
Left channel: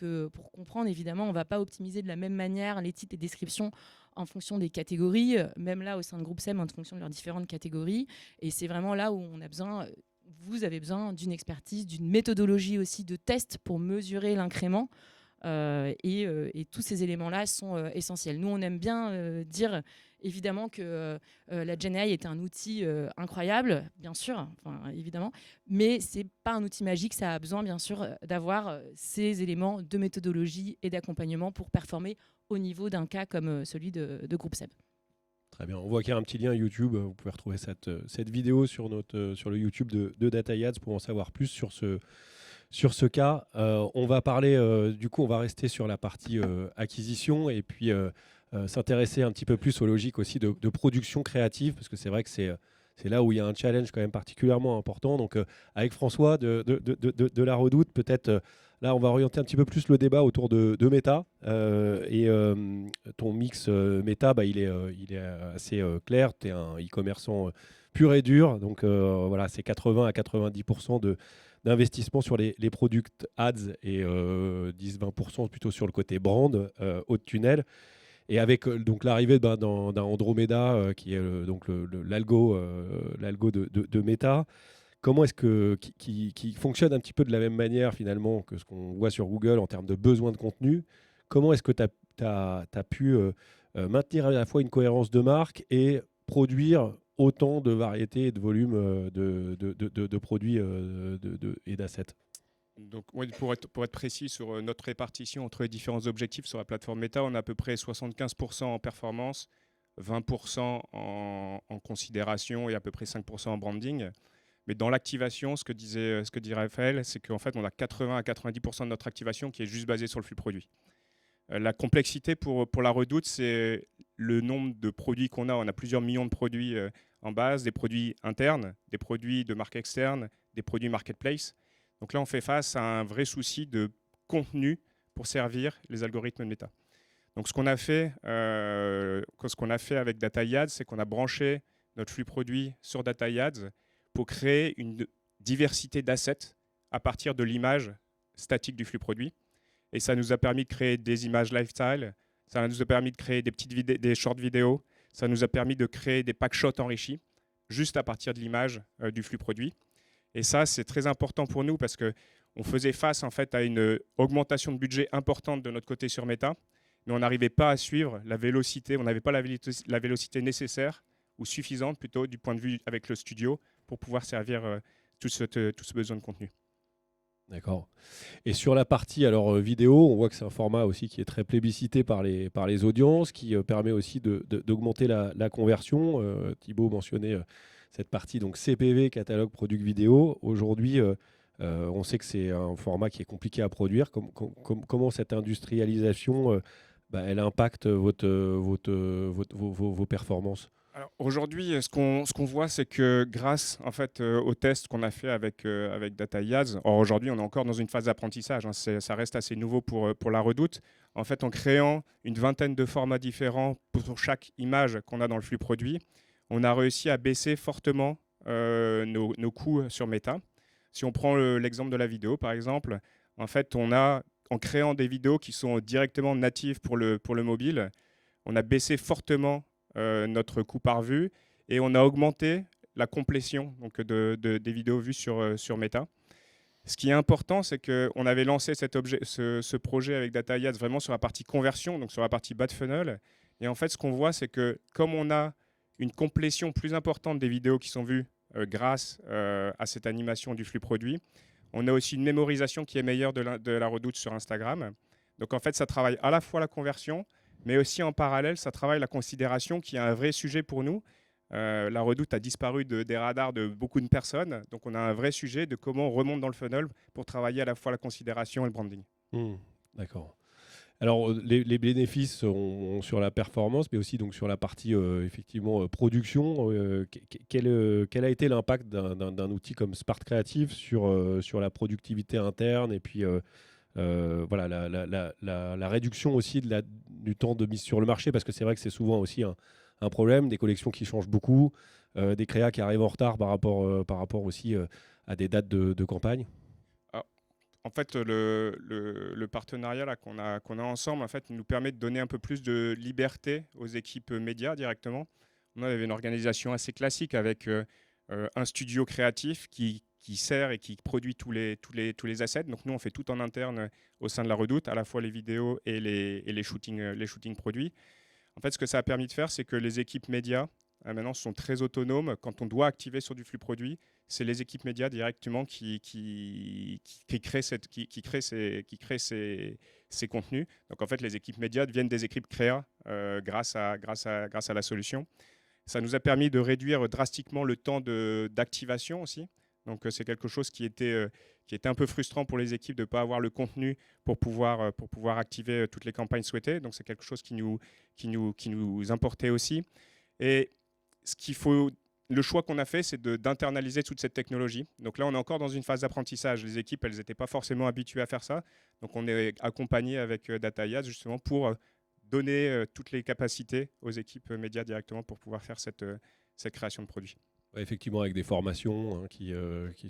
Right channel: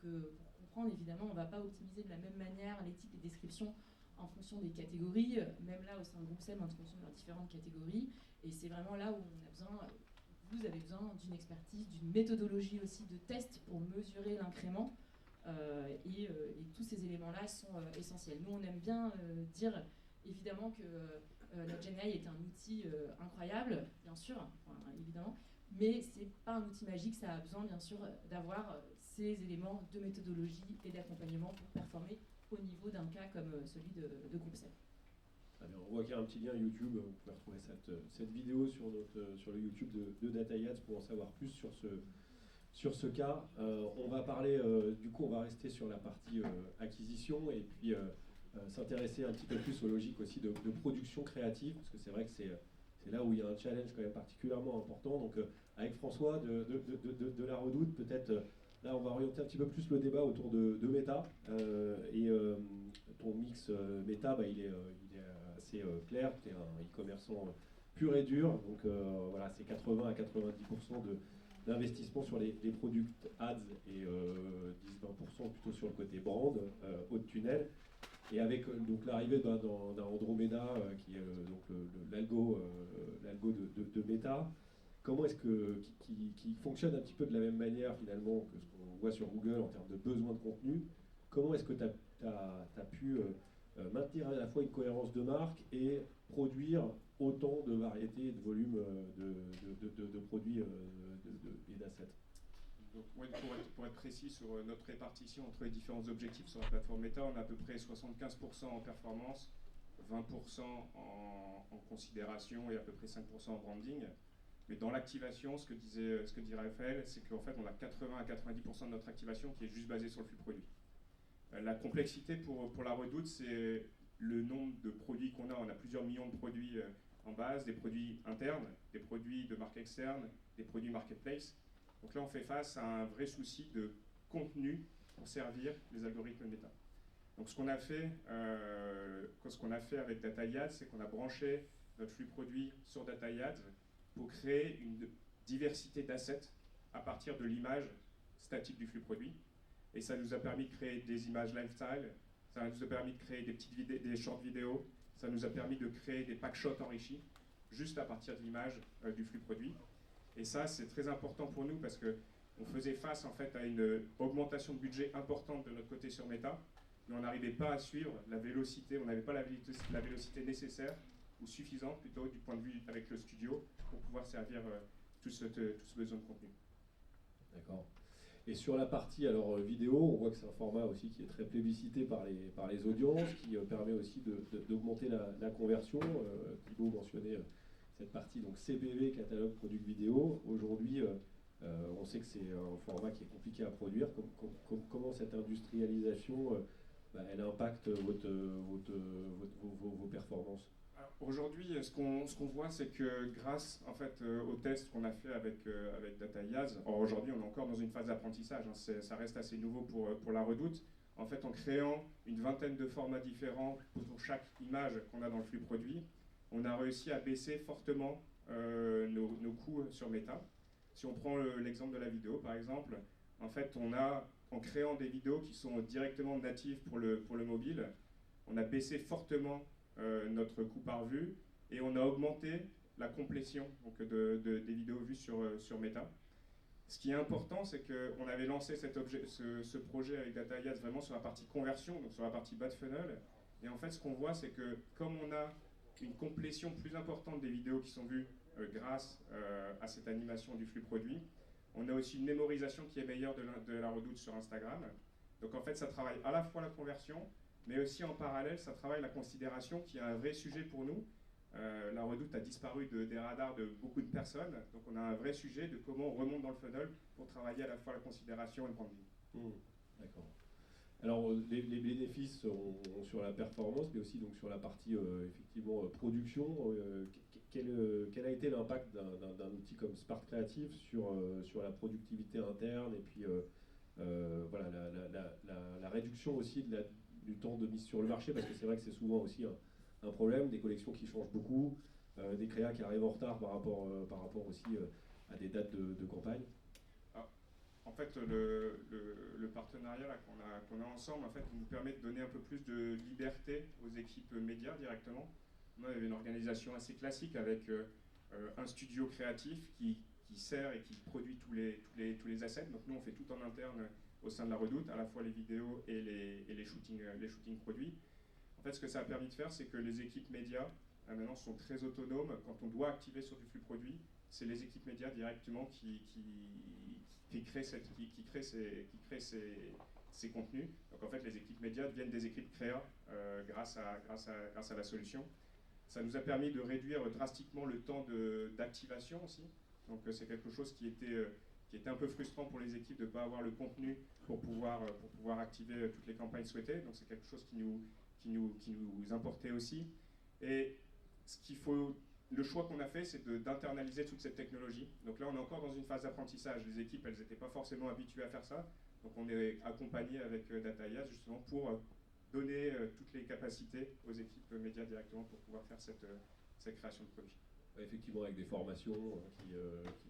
comprendre. Évidemment, on ne va pas optimiser de la même manière les titres et descriptions en fonction des catégories, même là au sein de Groupe SEB en fonction de leurs différentes catégories. Et c'est vraiment là où vous avez besoin d'une expertise, d'une méthodologie aussi de test pour mesurer l'incrément. Et tous ces éléments-là sont essentiels. Nous, on aime bien dire évidemment que la GenAI est un outil incroyable, bien sûr, évidemment, mais c'est pas un outil magique. Ça a besoin, bien sûr, d'avoir ces éléments de méthodologie et d'accompagnement pour performer au niveau d'un cas comme celui de Groupe SEB. Très bien, on voit qu'il y a un petit lien YouTube. Vous pouvez retrouver cette vidéo sur le YouTube de DataYads pour en savoir plus sur ce cas. On va parler, du coup, on va rester sur la partie acquisition et puis s'intéresser un petit peu plus aux logiques aussi de production créative, parce que c'est vrai que c'est là où il y a un challenge quand même particulièrement important. Donc, avec François de La Redoute, peut-être là, on va orienter un petit peu plus le débat autour de Meta. Et ton mix Meta, il est assez clair. Tu es un e-commerçant pur et dur. Donc, voilà, c'est 80 à 90% d'investissement sur les product ads et 10-20% plutôt sur le côté brand, haut de tunnel. Et avec donc l'arrivée d'un Andromeda qui est donc l'algo de Meta, comment est-ce qui fonctionne un petit peu de la même manière finalement que ce qu'on voit sur Google en termes de besoin de contenu? Comment est-ce que tu as pu maintenir à la fois une cohérence de marque et produire autant de variétés et de volumes de produits et d'assets? Donc, oui, pour être précis sur notre répartition entre les différents objectifs sur la plateforme Meta, on a à peu près 75% en performance, 20% en considération et à peu près 5% en branding. Mais dans l'activation, ce que dit Raphaël, c'est qu'en fait, on a 80 à 90% de notre activation qui est juste basée sur le flux produit. La complexité pour la Redoute, c'est le nombre de produits qu'on a. On a plusieurs millions de produits en base, des produits internes, des produits de marque externe, des produits marketplace. Donc là, on fait face à un vrai souci de contenu pour servir les algorithmes de Meta. Donc ce qu'on a fait avec DataYads, c'est qu'on a branché notre flux produit sur DataYads pour créer une diversité d'assets à partir de l'image statique du flux produit. Et ça nous a permis de créer des images lifestyle, ça nous a permis de créer des short vidéos, ça nous a permis de créer des pack shots enrichis, juste à partir de l'image du flux produit. Et ça, c'est très important pour nous parce qu'on faisait face en fait, à une augmentation de budget importante de notre côté sur Meta, mais on n'arrivait pas à suivre la vélocité, on n'avait pas la vélocité nécessaire ou suffisante plutôt du point de vue avec le studio pour pouvoir servir tout ce besoin de contenu. D'accord. Et sur la partie vidéo, on voit que c'est un format aussi qui est très plébiscité par les audiences, qui permet aussi d'augmenter la conversion. Thibaut mentionnait cette partie donc CPV, catalogue product vidéo. Aujourd'hui, on sait que c'est un format qui est compliqué à produire. Comment cette industrialisation elle impacte vos performances? Aujourd'hui, ce qu'on voit, c'est que grâce en fait, aux tests qu'on a fait avec DataIads, aujourd'hui on est encore dans une phase d'apprentissage, hein, ça reste assez nouveau pour la Redoute. En fait, en créant une vingtaine de formats différents pour chaque image qu'on a dans le flux produit, on a réussi à baisser fortement nos coûts sur Meta. Si on prend l'exemple de la vidéo, par exemple, en fait, en créant des vidéos qui sont directement natives pour le mobile, on a baissé fortement notre coût par vue et on a augmenté la complétion donc des vidéos vues sur Meta. Ce qui est important, c'est qu'on avait lancé ce projet avec DataIads vraiment sur la partie conversion, donc sur la partie bas de funnel. Et en fait, ce qu'on voit, c'est que comme on a une complétion plus importante des vidéos qui sont vues grâce à cette animation du flux produit, on a aussi une mémorisation qui est meilleure de la Redoute sur Instagram. Donc en fait, ça travaille à la fois la conversion, mais aussi en parallèle, ça travaille la considération qui est un vrai sujet pour nous. La Redoute a disparu des radars de beaucoup de personnes, donc on a un vrai sujet de comment on remonte dans le funnel pour travailler à la fois la considération et le branding. D'accord. Alors les bénéfices sont sur la performance, mais aussi donc sur la partie effectivement production. Quel a été l'impact d'un outil comme Smart Creative sur la productivité interne et puis voilà, la réduction aussi du temps de mise sur le marché, parce que c'est vrai que c'est souvent aussi un problème, des collections qui changent beaucoup, des créas qui arrivent en retard par rapport aussi à des dates de campagne. En fait, le partenariat là, qu'on a ensemble en fait, nous permet de donner un peu plus de liberté aux équipes médias directement. On avait une organisation assez classique avec un studio créatif qui sert et qui produit tous les assets. Donc nous, on fait tout en interne au sein de la Redoute, à la fois les vidéos et les shootings produits. En fait, ce que ça a permis de faire, c'est que les équipes médias maintenant sont très autonomes. Quand on doit activer sur du flux produit, c'est les équipes médias directement qui créent ces contenus. Donc en fait, les équipes médias deviennent des équipes créa grâce à la solution. Ça nous a permis de réduire drastiquement le temps d'activation aussi. Donc c'est quelque chose qui était un peu frustrant pour les équipes de ne pas avoir le contenu pour pouvoir activer toutes les campagnes souhaitées. Donc c'est quelque chose qui nous importait aussi. Et le choix qu'on a fait, c'est d'internaliser toute cette technologie. Donc là, on est encore dans une phase d'apprentissage. Les équipes, elles n'étaient pas forcément habituées à faire ça. Donc on est accompagné avec DataIads justement pour donner toutes les capacités aux équipes médias directement pour pouvoir faire cette création de produits. Ouais, effectivement, avec des formations qui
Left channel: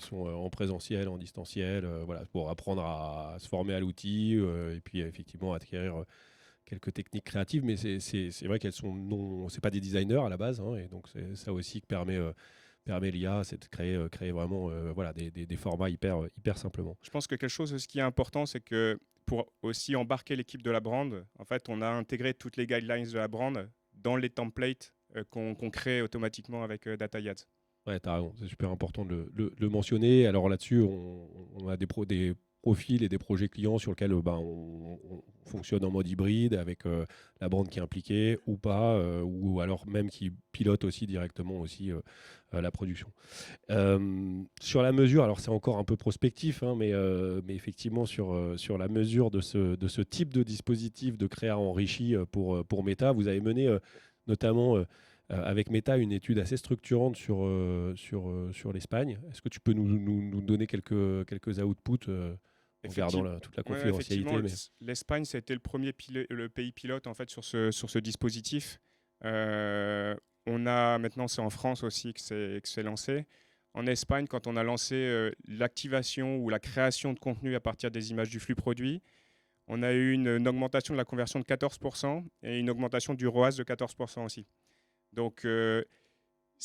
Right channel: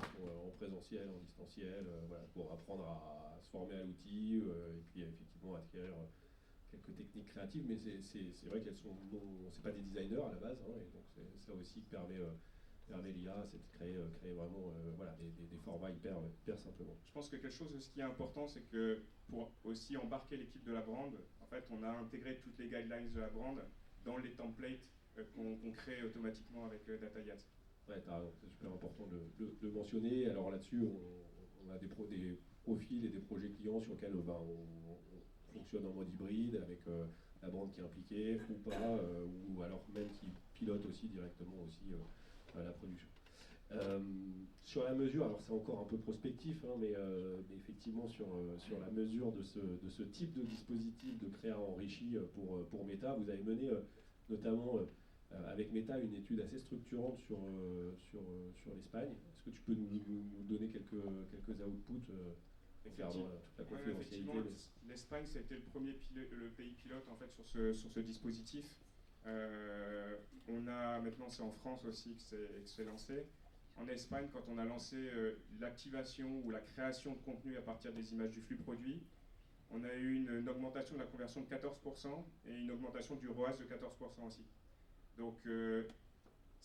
sont en présentiel, en distanciel, voilà, pour apprendre à se former à l'outil et puis effectivement acquérir quelques techniques créatives, mais c'est vrai qu'elles c'est pas des designers à la base, hein, et donc c'est ça aussi que permet l'IA, c'est de créer vraiment voilà, des formats hyper simplement. Je pense que quelque chose qui est important, c'est que pour aussi embarquer l'équipe de la brand, en fait, on a intégré toutes les guidelines de la brand dans les templates qu'on crée automatiquement avec DataIads. Ouais, t'as raison, c'est super important de le mentionner. Alors là-dessus, on a des profils et des projets clients sur lesquels on fonctionne en mode hybride avec la brand qui est impliquée ou pas, ou alors même qui pilote aussi directement aussi la production. Sur la mesure, alors c'est encore un peu prospectif, hein, mais effectivement sur la mesure de ce type de dispositif de créa enrichi pour Meta, vous avez mené notamment avec Meta une étude assez structurante sur l'Espagne. Est-ce que tu peux nous donner quelques outputs en gardant toute la confidentialité. Ouais, l'Espagne, c'était le pays pilote en fait, sur ce dispositif. Maintenant, c'est en France aussi que c'est lancé. En Espagne, quand on a lancé l'activation ou la création de contenu à partir des images du flux produit, on a eu une augmentation de la conversion de 14% et une augmentation du ROAS de 14% aussi. Donc, ce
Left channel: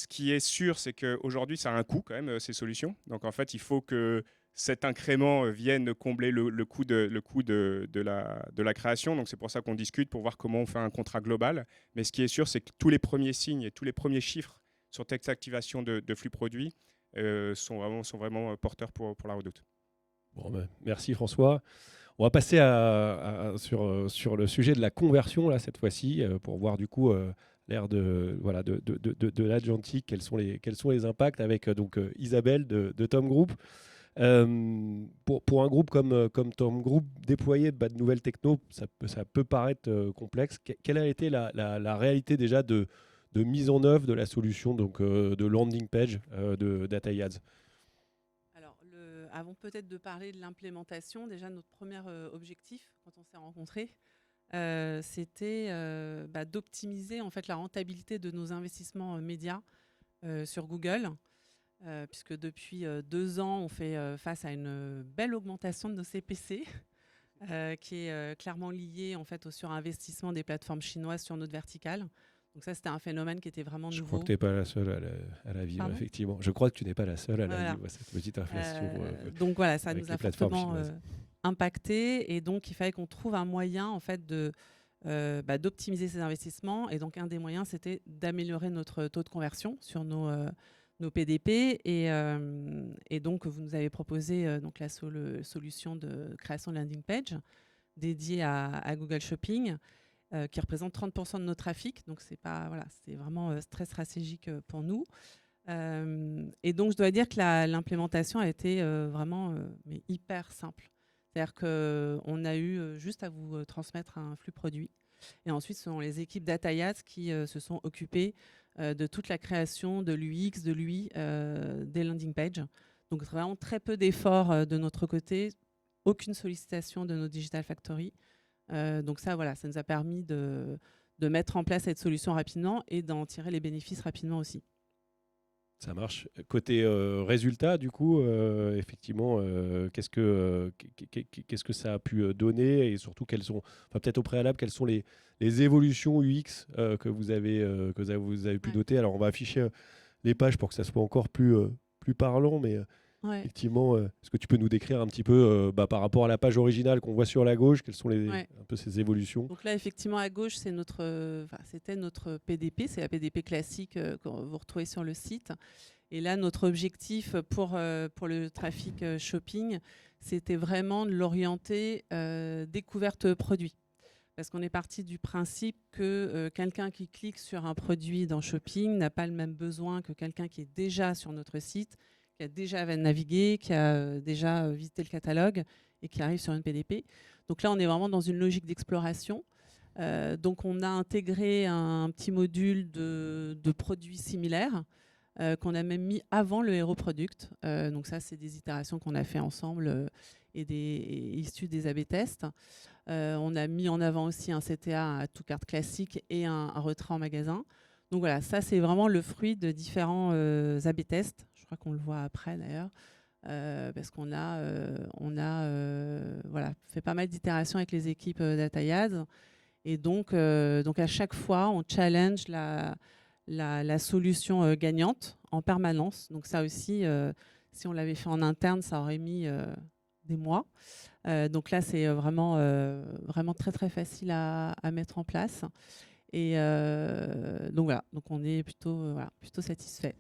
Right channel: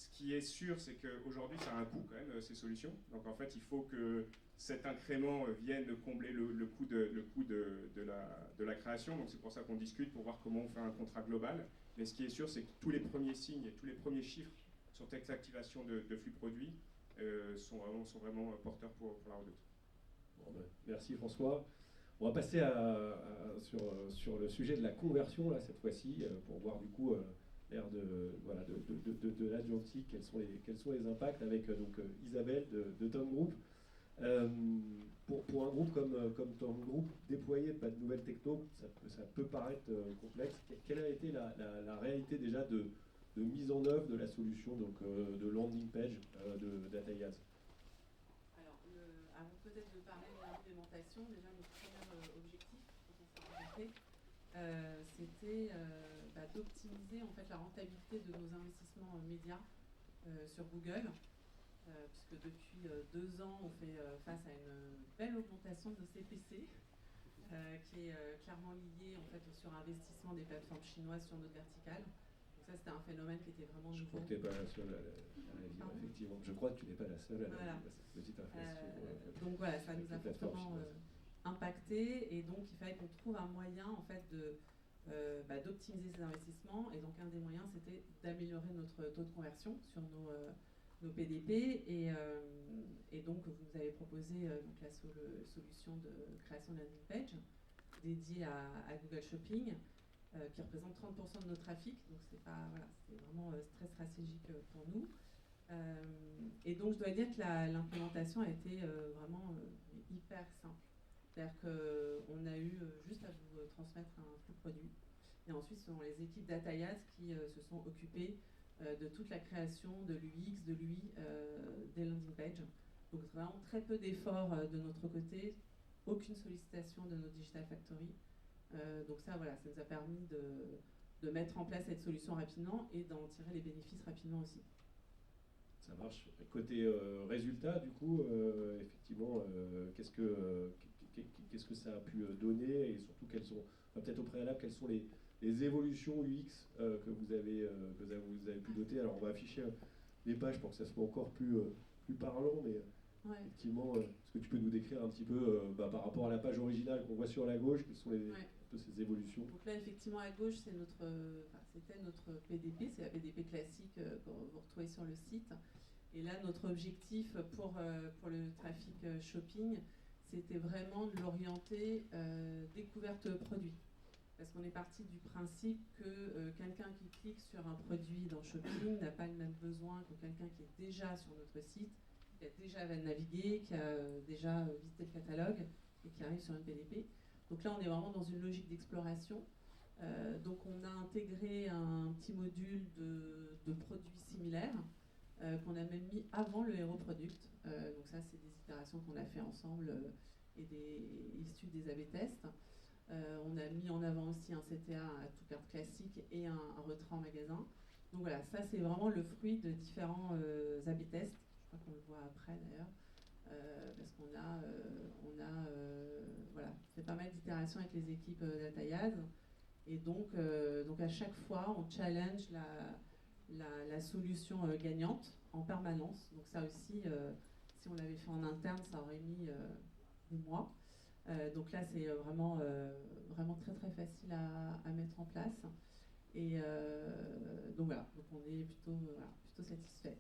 qui est sûr, c'est qu'aujourd'hui, ça a un coût quand même, ces solutions. Donc, en fait, il faut que cet incrément vienne combler le coût de la création. Donc, c'est pour ça qu'on discute pour voir comment on fait un contrat global. Mais ce qui est sûr, c'est que tous les premiers signes et tous les premiers chiffres sur cette activation de flux produits sont vraiment porteurs pour la Redoute. Bon, ben, merci François. On va passer sur le sujet de la conversion là, cette fois-ci, pour voir du coup l'ère de l'Agentic, quels sont les impacts avec Isabelle de Tom Group. Pour un groupe comme Tom Group, déployer de nouvelles techno, ça peut paraître complexe. Quelle a été la réalité déjà de mise en œuvre de la solution de landing page de DataYads? Alors, avant peut-être de parler de l'implémentation, déjà notre premier objectif quand on s'est rencontrés, c'était d'optimiser en fait la rentabilité de nos investissements médias sur Google. Puisque depuis 2 ans, on fait face à une belle augmentation de nos CPC, qui est clairement liée en fait, au surinvestissement des plateformes chinoises sur notre verticale. Donc ça, c'était un phénomène qui était vraiment nouveau. Je crois que tu n'es pas la seule à la vivre, effectivement. Je crois que tu n'es pas la seule à la vivre, cette petite inflation. Donc voilà, ça nous a fortement impacté. Et donc, il fallait qu'on trouve un moyen en fait, d'optimiser ces investissements. Et donc, un des moyens, c'était d'améliorer notre taux de conversion sur nos PDP et donc vous nous avez proposé donc la solution de création de landing page dédiée à Google Shopping qui représente 30% de nos trafics, donc c'est vraiment très stratégique pour nous. Et donc je dois dire que l'implémentation a été vraiment mais hyper simple. C'est-à-dire qu'on a eu juste à vous transmettre un flux produit et ensuite ce sont les équipes DataYads qui se sont occupées de toute la création de l'UX, de l'UI, des landing pages. Donc vraiment très peu d'efforts de notre côté, aucune sollicitation de nos Digital Factory. Donc ça nous a permis de mettre en place cette solution rapidement et d'en tirer les bénéfices rapidement aussi. Ça marche. Côté résultat, du coup, effectivement, qu'est-ce que ça a pu donner et surtout peut-être au préalable, quelles sont les évolutions UX que vous avez pu noter. Alors, on va afficher les pages pour que ça soit encore plus parlant, mais effectivement, est-ce que tu peux nous décrire un petit peu par rapport à la page originale qu'on voit sur la gauche, quelles sont un peu ces évolutions? Donc là, effectivement, à gauche, c'était notre PDP, c'est la PDP classique que vous retrouvez sur le site. Et là, notre objectif pour le trafic shopping, c'était vraiment de l'orienter découverte produit. Parce qu'on est parti du principe que quelqu'un qui clique sur un produit dans Shopping n'a pas le même besoin que quelqu'un qui est déjà sur notre site, qui a déjà navigué, qui a déjà visité le catalogue et qui arrive sur une PDP. Donc là, on est vraiment dans une logique d'exploration. Donc on a intégré un petit module de produits similaires qu'on a même mis avant le Hero Product. Donc ça, c'est des itérations qu'on a fait ensemble et issues des A/B tests. On a mis en avant aussi un CTA à tout carte classique et un retrait en magasin. Donc voilà, ça c'est vraiment le fruit de différents A/B tests. Je crois qu'on le voit après d'ailleurs, parce qu'on a fait pas mal d'itérations avec les équipes DataYads. Et donc à chaque fois, on challenge la solution gagnante en permanence. Donc ça aussi, si on l'avait fait en interne, ça aurait mis des mois. Donc là, c'est vraiment très très facile à mettre en place. Et donc voilà, donc on est plutôt satisfait.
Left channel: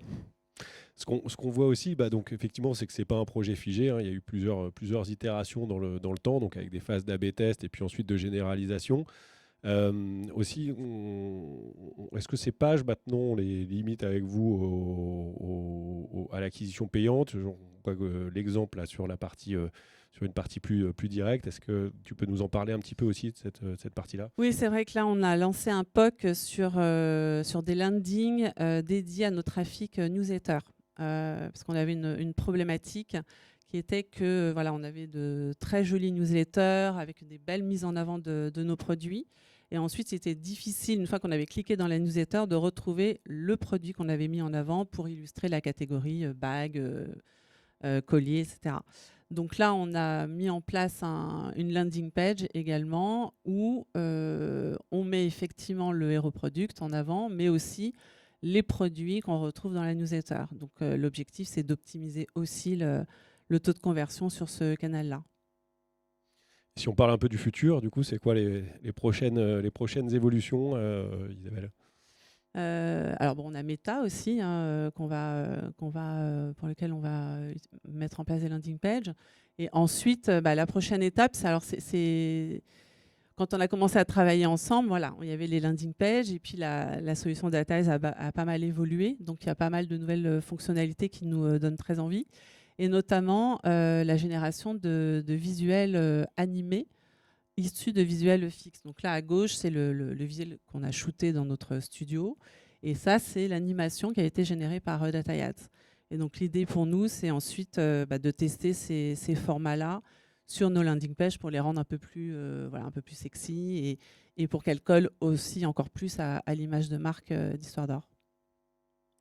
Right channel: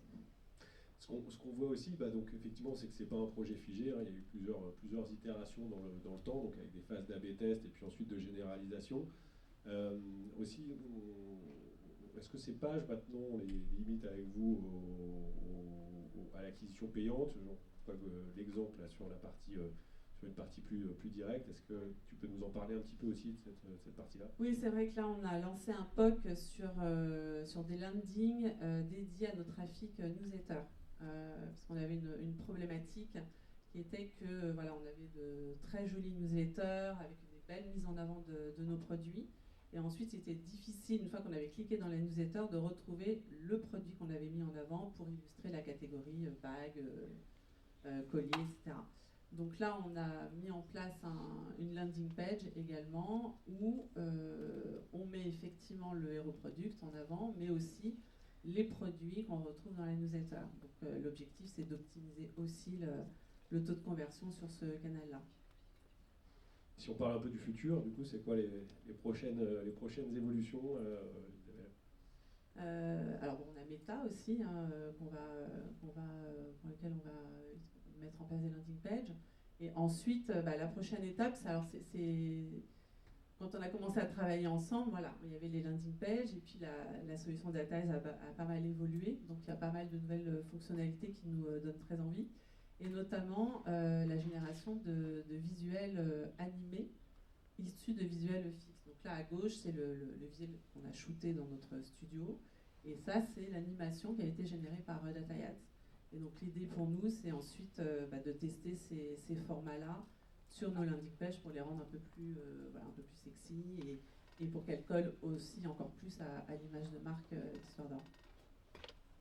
Ce qu'on voit aussi, donc effectivement, c'est que c'est pas un projet figé. Il y a eu plusieurs itérations dans le temps, donc avec des phases d'A/B test et puis ensuite de généralisation. Aussi, est-ce que ces pages maintenant on les limite avec vous à l'acquisition payante? Je crois que l'exemple là sur la partie sur une partie plus directe. Est-ce que tu peux nous en parler un petit peu aussi de cette partie-là? Oui, c'est vrai que là, on a lancé un POC sur des landings dédiés à nos trafics newsletter. Parce qu'on avait une problématique qui était que on avait de très jolis newsletters avec des belles mises en avant de nos produits. Et ensuite, c'était difficile, une fois qu'on avait cliqué dans la newsletter, de retrouver le produit qu'on avait mis en avant pour illustrer la catégorie bague, collier, etc. Donc là, on a mis en place une landing page également où on met effectivement le Hero Product en avant, mais aussi les produits qu'on retrouve dans la newsletter. Donc l'objectif, c'est d'optimiser aussi le taux de conversion sur ce canal-là. Si on parle un peu du futur, du coup, c'est quoi les prochaines évolutions, Isabelle? Alors bon, on a Meta aussi, hein, pour lequel on va mettre en place des landing pages. Et ensuite, la prochaine étape, c'est quand on a commencé à travailler ensemble, voilà, il y avait les landing pages et puis la solution Dataïs a pas mal évolué. Donc il y a pas mal de nouvelles fonctionnalités qui nous donnent très envie. Et notamment la génération de visuels animés issus de visuels fixes. Donc là, à gauche, c'est le visuel qu'on a shooté dans notre studio. Et ça, c'est l'animation qui a été générée par Dataïs. Et donc l'idée pour nous, c'est ensuite de tester ces formats-là sur nos landing pages pour les rendre un peu plus sexy et pour qu'elles collent aussi encore plus à l'image de marque d'Histoire d'Or.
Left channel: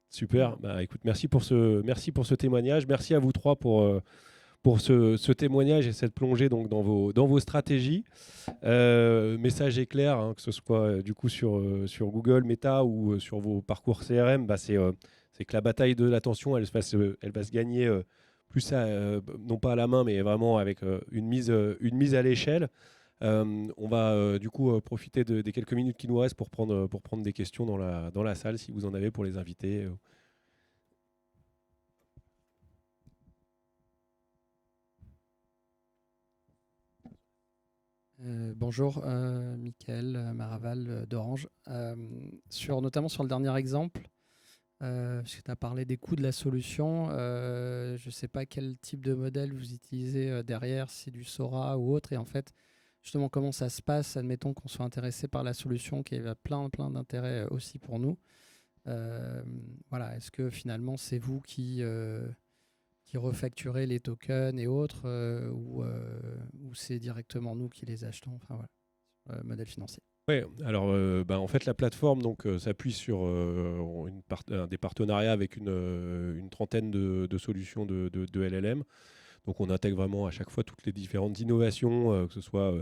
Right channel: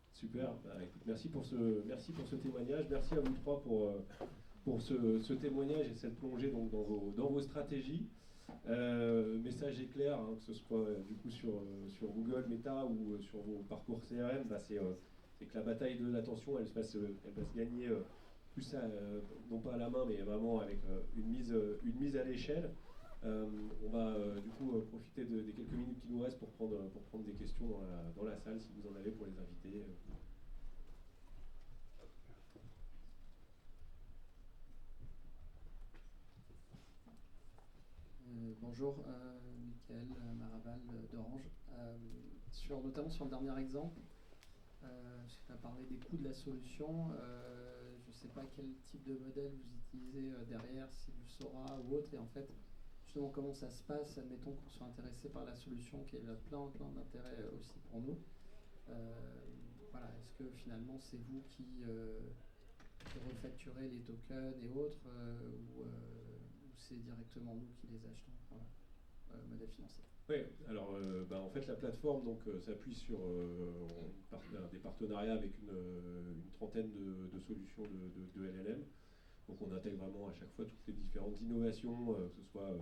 Super. Écoute, merci pour ce témoignage. Merci à vous trois pour ce témoignage et cette plongée donc, dans vos stratégies. Message est clair, hein, que ce soit du coup sur Google, Meta ou sur vos parcours CRM, c'est que la bataille de l'attention, elle va se gagner plus non pas à la main, mais vraiment avec une mise à l'échelle. On va du coup profiter des quelques minutes qui nous restent pour prendre des questions dans la salle, si vous en avez pour les invités. Bonjour, Mickaël Maraval d'Orange. Notamment sur le dernier exemple, parce que tu as parlé des coûts de la solution, je ne sais pas quel type de modèle vous utilisez derrière, si c'est du Sora ou autre, et en fait, justement, comment ça se passe, admettons qu'on soit intéressé par la solution, qui a plein d'intérêts aussi pour nous. Voilà, est-ce que finalement, c'est vous qui refacturez les tokens et autres, ou c'est directement nous qui les achetons, enfin voilà, modèle financier. Oui, alors en fait la plateforme s'appuie sur des partenariats avec une trentaine de solutions de LLM. Donc on intègre vraiment à chaque fois toutes les différentes innovations, que ce soit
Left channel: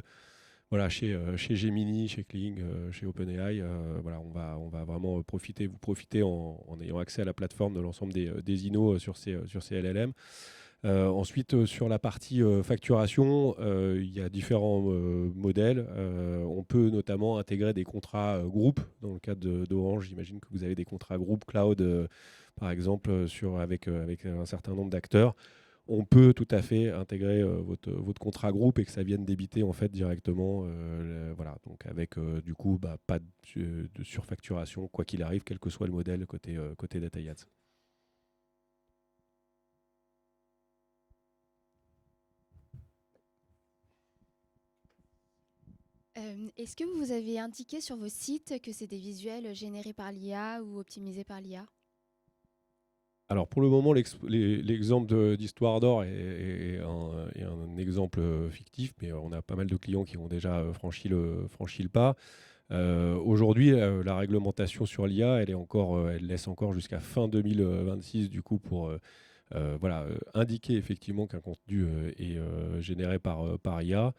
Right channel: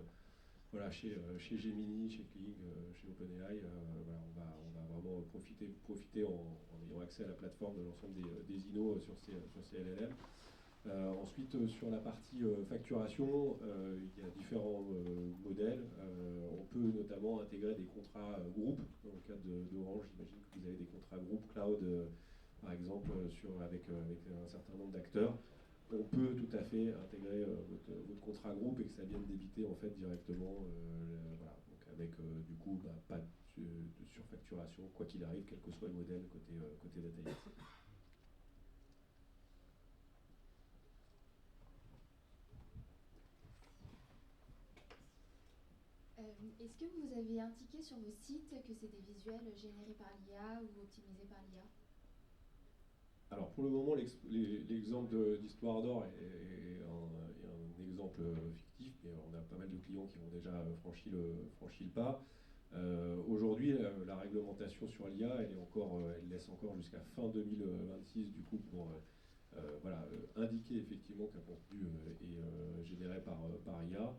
chez Gemini, chez Kling, chez OpenAI. On va vraiment vous profiter en ayant accès à la plateforme de l'ensemble des innos sur ces LLM. Ensuite, sur la partie facturation, il y a différents modèles. On peut notamment intégrer des contrats groupes. Dans le cadre d'Orange, j'imagine que vous avez des contrats groupes cloud, par exemple, avec un certain nombre d'acteurs. On peut tout à fait intégrer votre contrat groupe et que ça vienne débiter en fait directement, donc avec du coup pas de surfacturation quoi qu'il arrive, quel que soit le modèle côté Dataïas. Est-ce que vous avez indiqué sur vos sites que c'est des visuels générés par l'IA ou optimisés par l'IA ? Alors pour le moment, l'exemple d'Histoire d'Or est un exemple fictif, mais on a pas mal de clients qui ont déjà franchi le pas. Aujourd'hui, la réglementation sur l'IA, elle laisse encore jusqu'à fin 2026 du coup pour indiquer effectivement qu'un contenu est généré par IA.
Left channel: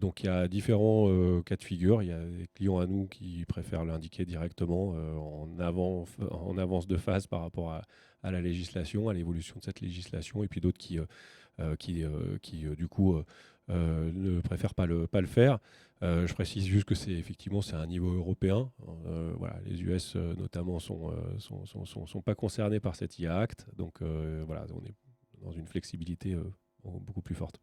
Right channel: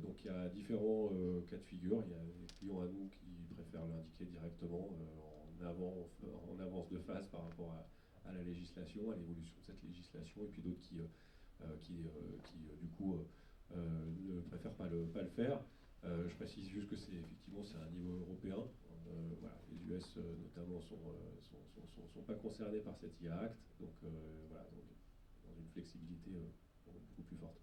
Donc il y a différents cas de figure. Il y a des clients à nous qui préfèrent l'indiquer directement en avance de phase par rapport à la législation, à l'évolution de cette législation, et puis d'autres qui du coup ne préfèrent pas le faire. Je précise juste que c'est un niveau européen. Les US notamment sont pas concernés par cet IA Act, donc on est dans une flexibilité beaucoup plus forte.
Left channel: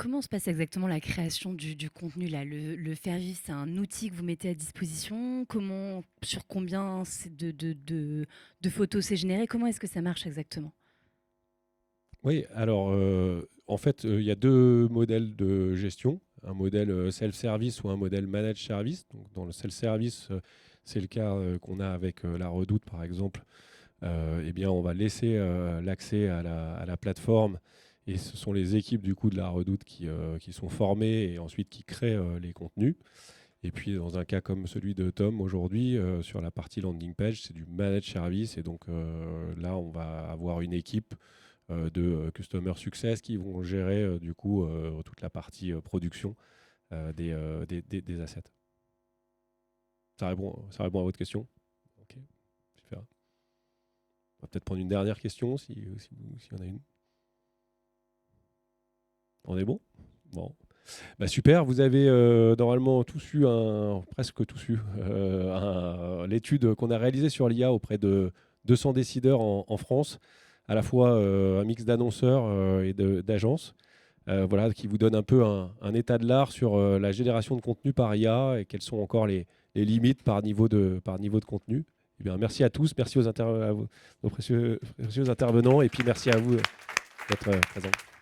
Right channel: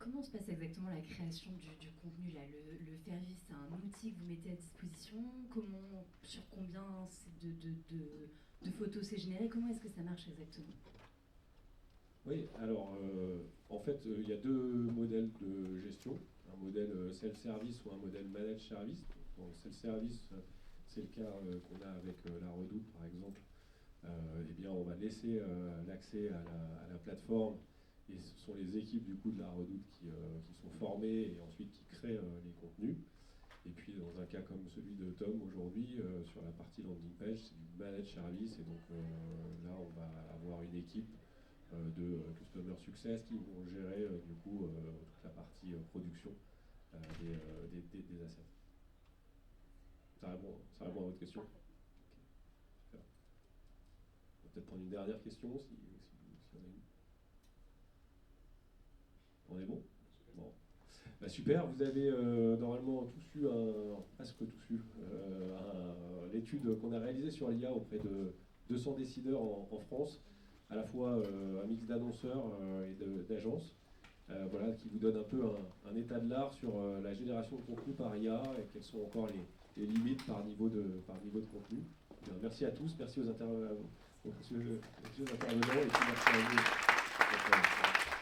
Comment se passe exactement la création du contenu là ? Le Fairview, c'est un outil que vous mettez à disposition ? Sur combien de photos c'est généré ? Comment est-ce que ça marche exactement ? Oui, alors en fait, il y a deux modèles de gestion. Un modèle self-service ou un modèle managed service. Donc, dans le self-service, c'est le cas qu'on a avec La Redoute, par exemple. On va laisser l'accès à la plateforme. Et ce sont les équipes du coup de La Redoute qui sont formées et ensuite qui créent les contenus. Et puis dans un cas comme celui de Tom aujourd'hui, sur la partie landing page, c'est du managed service. Et donc là, on va avoir une équipe de Customer Success qui vont gérer du coup toute la partie production des assets. Ça répond à votre question ? Ok, super. On va peut-être prendre une dernière question, s'il y en a une. On est bon ? Bon. Super, vous avez normalement presque tous eu l'étude qu'on a réalisée sur l'IA auprès de 200 décideurs en France, à la fois un mix d'annonceurs et d'agences, qui vous donne un peu un état de l'art sur la génération de contenu par IA et quelles sont encore les limites par niveau de contenu. Eh bien, merci à tous, merci aux précieux intervenants et puis merci à vous d'être présents.